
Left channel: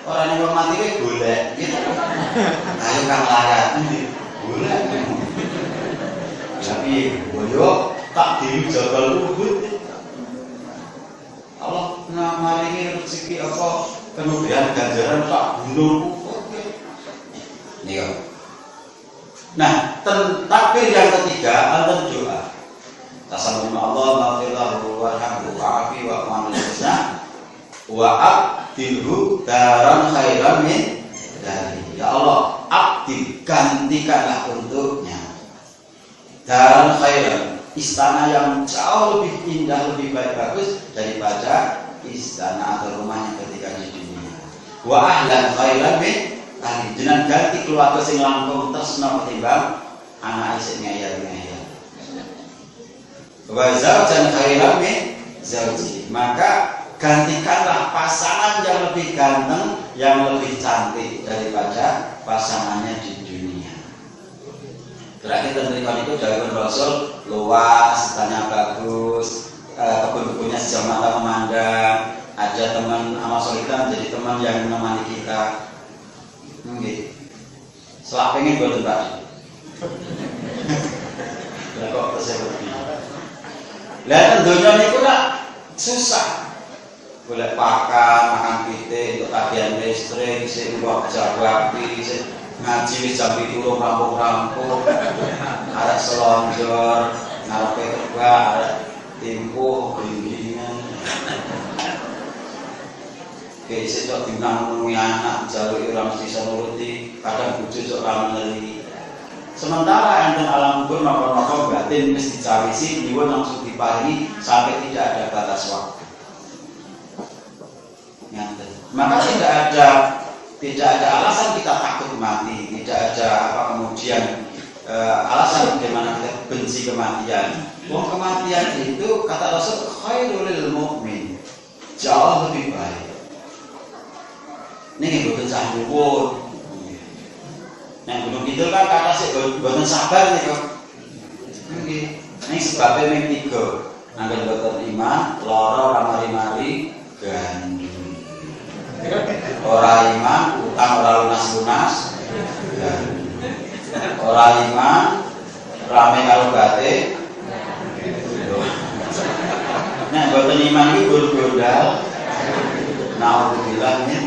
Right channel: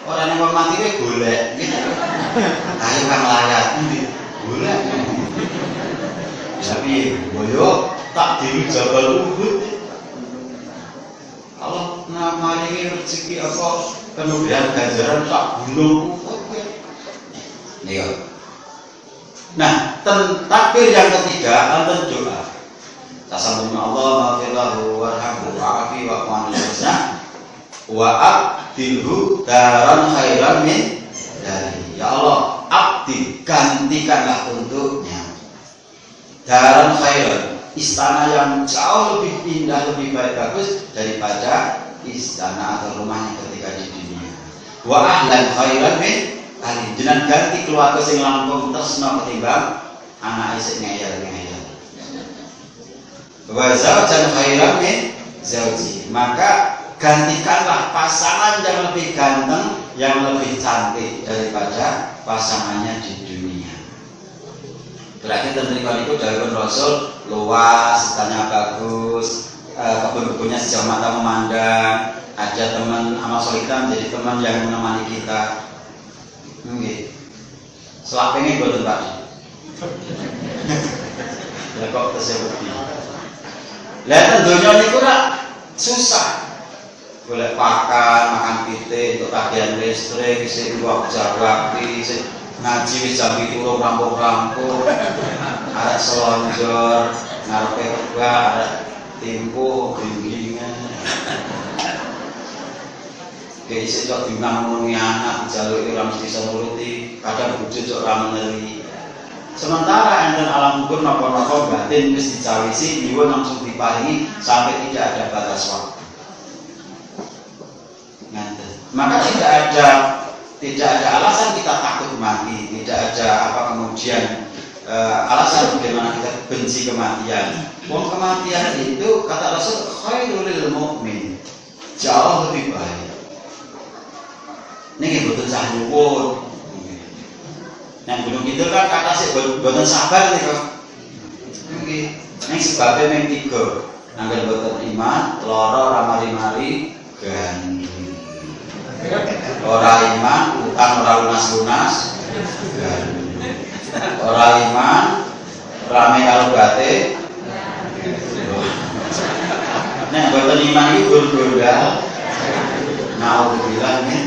ora nek mati kowe golek gitu. Ayo kang layak ndi? Golek. Tapi boyo tak diri Jabal Uhud. Allah maringi rezeki apa kemudian ganjaran tak gunung Uhud. Iya. Nah, takbir yang ketiga enten doa. Tasammuna Allah maghfirlahu warhamhu wa'afi wa manlazna wa abdilhu daran khairan min dari. Ya Allah, abdi gantikanlah untuknya daran khairan, istana yang jauh lebih indah, lebih baik bagus daripada istana atau rumahnya ketika di dunia. Wa ahlan khairan min dari. Jenengan ganti keluarga sing langkung tresna ketimbang anak isik ngeyel-ngeyel. Wa zawjan khairan min zawji. Maka gantikanlah pasangan yang lebih ganteng, yang lebih cantik daripada pasangannya di dunia. Berarti tentunya itu dari Rasul luas, tanya bagus, kebun-kebunnya sejauh mata memandang, ada teman amal soleh menjadi teman yang menemani kita. Nggih. Selak pengen boten Pak. Lah kok tersebut. Lah tentunya niku ora susah. Golek makan pitik untuk tagihan listrik, sing nggo jawabi, sing ngaji wis jam 7 rampung-rampung. Arek selonjor, ngarepe kebak, arek timpo, bimbingan. Kayak isi cok bintang menungi anak, jalur orang mesti senuruti, kadang wujud cok rameli. Sementara enten alam hukum nopo-nopo batin mesti dicawisi, niwa langsung diparingi sampai tidak ada batas waktu. Maka tidak ada alasan kita takut mati, tidak ada apa kemudian alasan bagaimana kita benci kematian. Wong kematian itu kata Rasul khairul lil mukmin, jauh lebih baik. Ini boten cah nyuwun. Nah gunung itu kan kata sih boten sabar nih kok. Ini sebabnya yang 3. Angger boten iman, loro ramari-mari gandum. Ora iman, utang ora lunas-lunas gandum. Ora iman, rame karo bate. Nah boten iman iki gur-gurdal. Nah aku bilang nih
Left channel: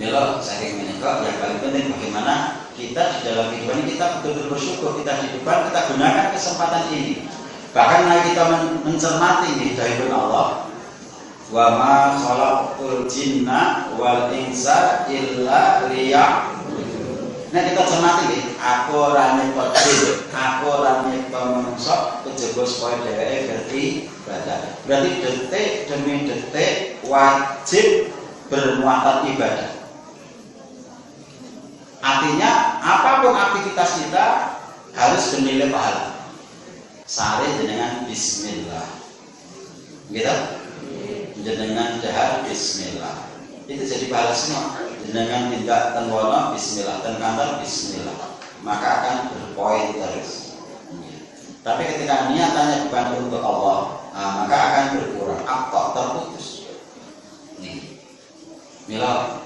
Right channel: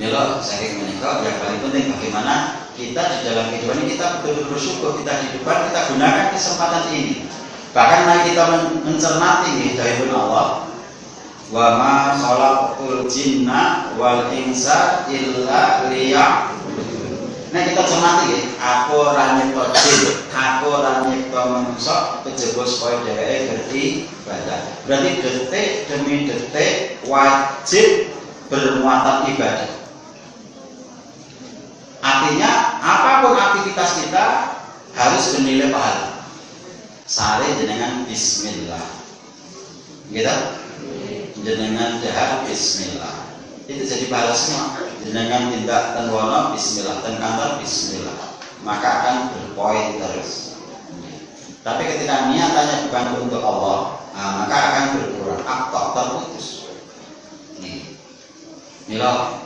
Milo sering menikah, yang paling penting bagaimana kita di dalam kehidupan ini kita betul-betul bersyukur, kita di depan kita gunakan kesempatan ini. Bahkan mari kita mencermati hidayah Allah. Wa ma khalaqul jinna wal insa illa liya'budun. Nah kita cermati ya, aku ora nyipta jin, aku ora nyipta manungsa kejaba supaya dheweke ngerti ibadah. Berarti detik demi detik wajib bermuatan ibadah. Artinya apapun aktivitas kita harus bernilai pahala. Sare jenengan bismillah. Gitu? Jenengan dahar bismillah. Itu jadi pahala semua. Jenengan tindak tenwono bismillah, ten kantor bismillah. Maka akan berpoin terus. Tapi ketika niatannya bukan untuk Allah, maka akan berkurang, aktor terputus. Milo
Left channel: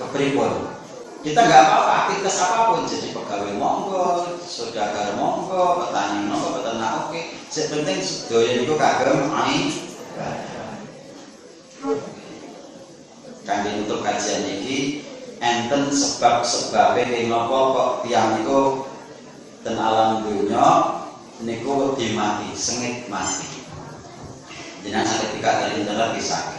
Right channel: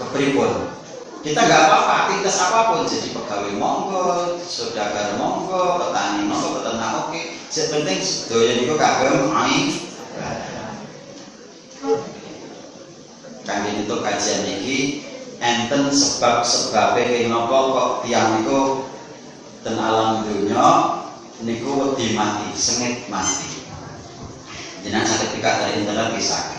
kepripun? Kita nggak apa-apa, aktivitas apapun, jadi pegawai monggo, saudagar monggo, petani monggo, peternak oke. Yang penting doyan itu kagem amin. Kami untuk kajian ini enten sebab-sebabe kenging napa kok tiyang niku ten alam dunya niku wedi mati, sengit mati. Jenengan saged dikak dari internet bisa.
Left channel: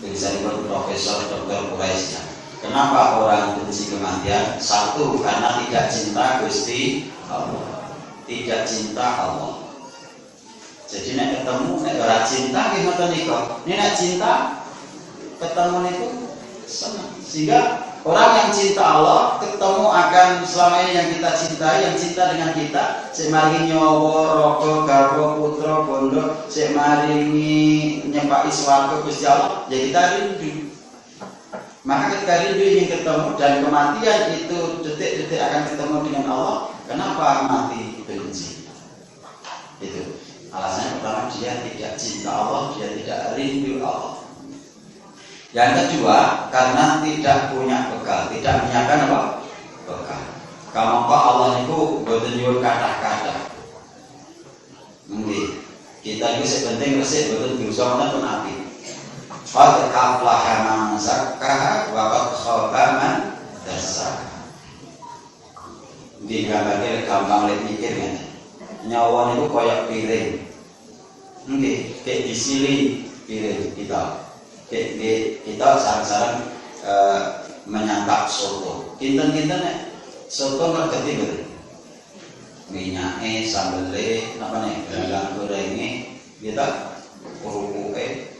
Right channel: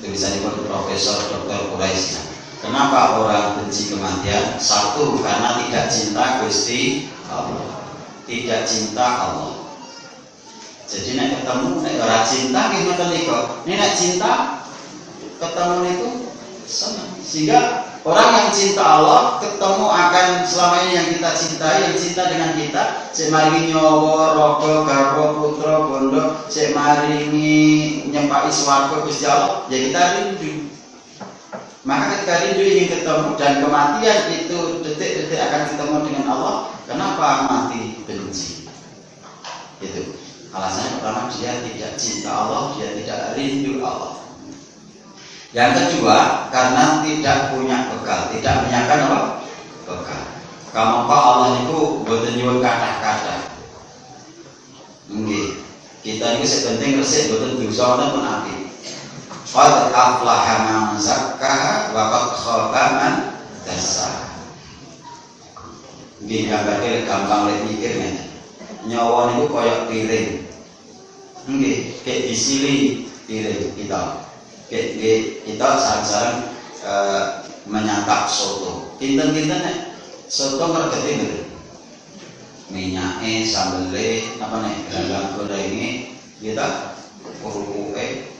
Tulisanipun Profesor Dr. Quraisy. Kenapa orang benci kematian? Satu, karena tidak cinta Gusti Allah. Tidak cinta Allah. Jadi nek ketemu nek ora cinta nggih ngoten niku. Nek cinta ketemu niku senang. Sehingga orang yang cinta Allah ketemu akan selama ini yang kita cintai, yang cinta dengan kita, sik maringi nyawa, raga, garwa, putra, bondo, sik maringi nyepaki swarga Gusti Allah, ya kita rindu. Maka ketika rindu ingin ketemu dan kematian itu detik-detik akan ketemu dengan Allah, kenapa mati benci? Itu alasan pertama, dia tidak cinta Allah, dia tidak rindu Allah. Yang kedua, karena tidak punya bekal, tidak menyiapkan apa? Bekal. Kamangka Allah niku boten nyuwun kathah-kathah. Nggih. Kita iki sing penting resik boten dosa wonten pun ati. Qad aflaha man zakkaha wa qad khaba man dassaha. Nggih, gambarke gampang lek mikir ngene. Nyawa niku kaya piring. Nggih, kek disili piring kita. Kita sareng-sareng menyantap soto. Kinten-kinten nek soto ngregeti mboten. Minyake, sambele, apa nek gandang gorenge kita uruke.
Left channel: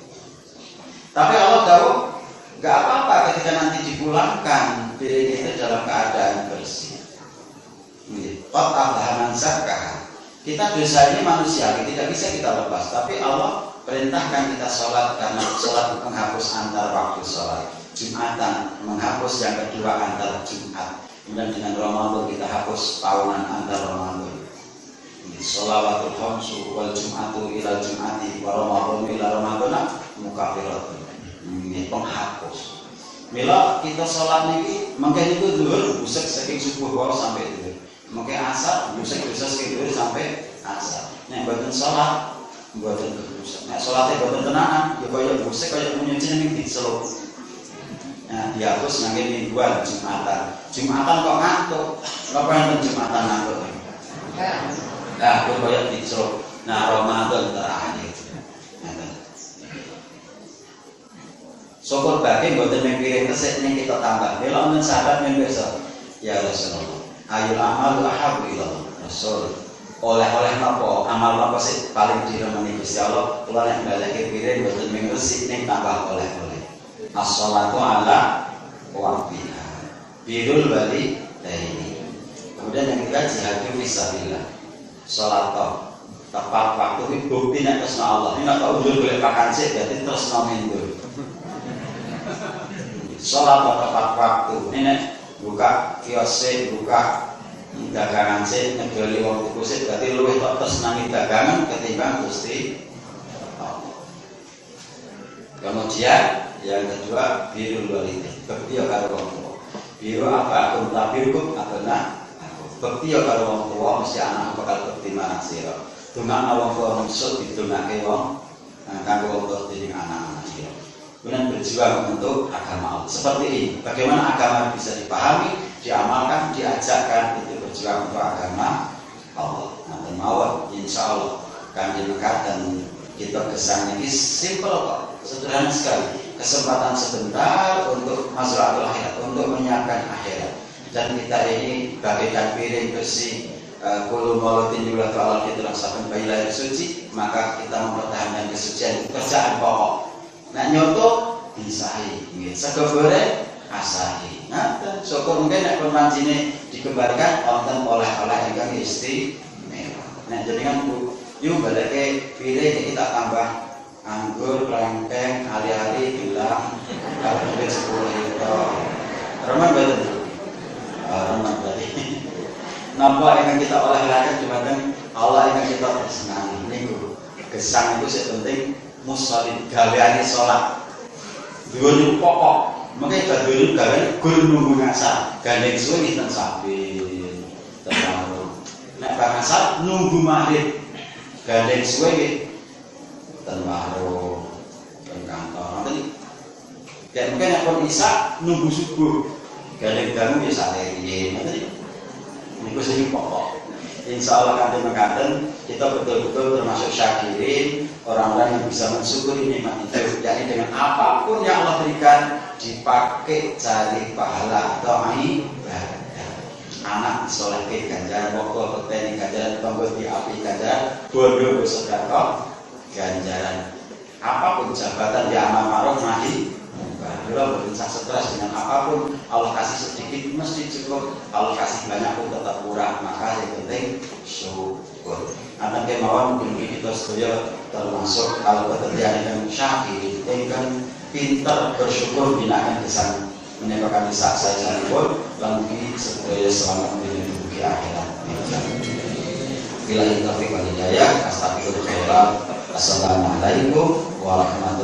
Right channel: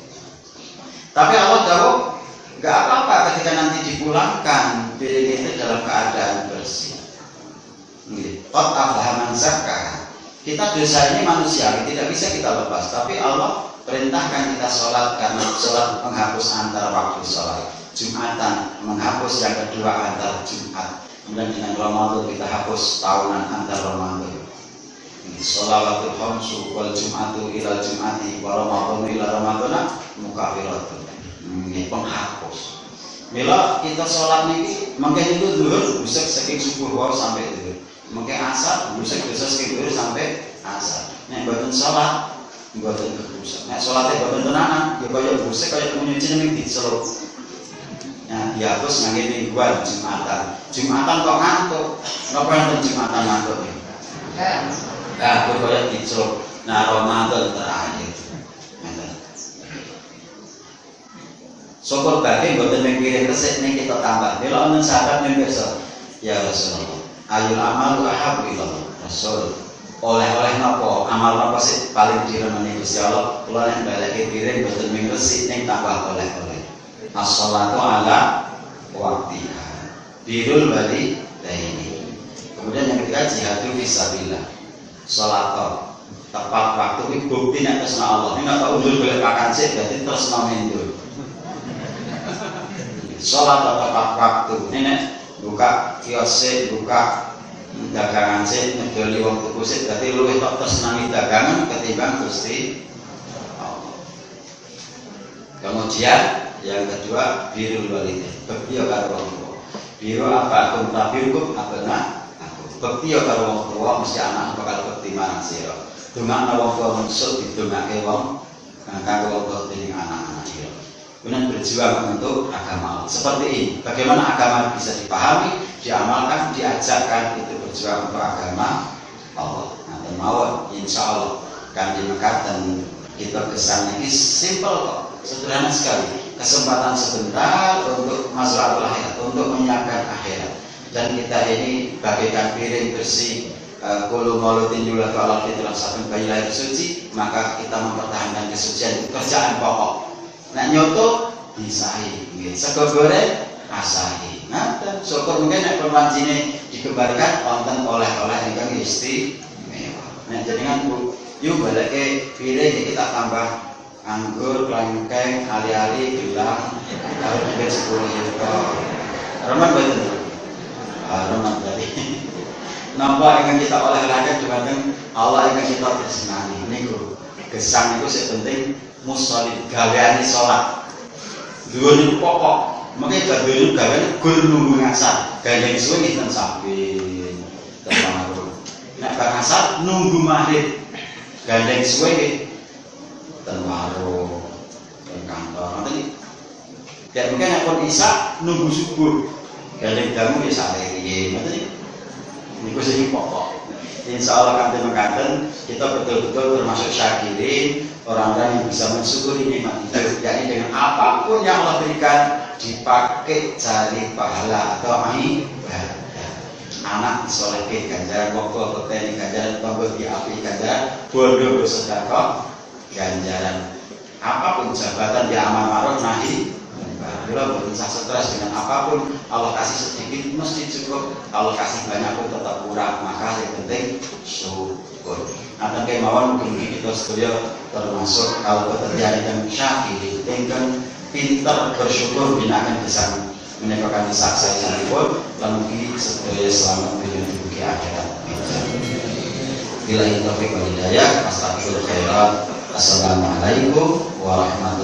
Tapi Allah tahu enggak apa-apa ketika nanti dipulangkan piring itu dalam keadaan bersih. Nggih, qad aflaha man zakkaha. Kita dosa ini manusia, tidak bisa kita lepas, tapi Allah perintahkan kita sholat karena sholat menghapus antar waktu sholat. Jumatan menghapus yang kedua antar Jumat. Kemudian dengan Ramadan kita hapus tahunan antar Ramadan. Sholawatul khamsu wal Jumatu ila Jumati wa Ramadanu ila Ramadana mukafiratun. Ini penghapus. Mila kita sholat niki mangke niku zuhur busek saking subuh wae sampai zuhur. Mangke asar busek dosa saking zuhur sampai asar. Nek mboten sholat mboten kerusak. Nek salate mboten tenanan, ya kaya busek kaya nyuci ning dicelup. Nah, dihapus ngangge mingguan Jumatan. Jumatan kok ngantuk. Napa enten Jumatan ngantuk? Nah, kok kaya dicelup. Nah, Ramadan terakhir. Syukur bagi mboten ning piring resik ning kita tambah. Mila wonten sahabat yen pirsa, ya Rasulullah, ayul amalu ahabbu ilallah. Rasul oleh-oleh napa amal napa sih paling diremeni Gusti Allah kula nek baleke piring boten mung resik ning tambah oleh-oleh as-shalatu ala waqtiha birrul walidaini. Kemudian yang ketiga jihadu fisabilillah, salat tepat waktu iki bukti nek tresna Allah. Nek kok undur golek makan sik berarti tresna mendur. Salat tepat waktu nek buka kios buka dagangan sih ngedoli wong tuku sih berarti luwih tok tresnani dagangan ketimbang Gusti Allah. Kemudian yang kedua birrul walidain, bekti karo wong tuwa. Biru apa aku tapi hukum abena aku. Bekti karo wong tuwa mesti anak bakal bekti marang sira. Dumane wong tuwa musuh didongake wong kanggo wong tuwa dening anak-anak sira. Kemudian berjuang untuk agama Allah. Seperti ini, bagaimana agama bisa dipahami, diamalkan, diajarkan itu berjuang untuk agama Allah. Nanti mawon insya Allah kami dekat dan kita kesannya ini simple kok, sederhana sekali. Kesempatan sebentar untuk masuk akhirat, untuk menyiapkan akhirat. Dan kita ini bagaikan piring bersih, kulu maulutin yulatu ala fitrah saben bayi lahir suci, maka kita mempertahankan kesucian kerjaan pokok. Nah nyoto disahi, sego goreng asahi. Nah, syukur mungkin nek pemancine dikembalikan wonten oleh-oleh ingkang istimewa. Nah, jenengan Bu, yuk baleke piring kita tambah anggur, klengkeng, ali-ali, gelang, kalau mungkin 10 juta. Remen betul. Remen berarti. Napa ingkang kita oleh-olehkan dumateng Allah ingkang kita tresnani niku. Gesang itu sing penting musholin gaweane salat. Dhuwur niku pokok. Makanya gadulun gaweane gur nunggu ngasar. Gandeng suwe nggih ten samping. Ten warung. Nek bar ngasar nunggu maghrib. Gandeng suwe nggih ten warung, ten kantor. Nanti kayak mungkin nek pun isya nunggu subuh. gandeng damu ya sampai ini sing pokok. Insya Allah kanthi mengkaten kita betul-betul termasuk syakirin, orang-orang yang bisa mensyukuri nikmat hidup, yakni dengan apapun yang Allah berikan dipakai cari pahala atau ibadah. Anak disolehkan ganjaran, pokok petani ganjaran, tonggo diapi ganjaran, bodoh bersedekah ganjaran. Apapun jabatan ya amal ma'ruf nahi kalau berusaha stres dengan apapun, Allah kasih sedikit mesti cukup, Allah kasih banyak pun tetap kurang, maka yang penting syukur. Nanti kemauan mungkin kita setuju termasuk kalau keterjadian dan syakir, yang pintar bersyukur binakan kesan menyebabkan bisa saya sendiri lalu sebagai selamat di akhirat. Bila itu taufiq wal hidayah, astagfirullah khairat. Assalamualaikum warahmatullahi wabarakatuh.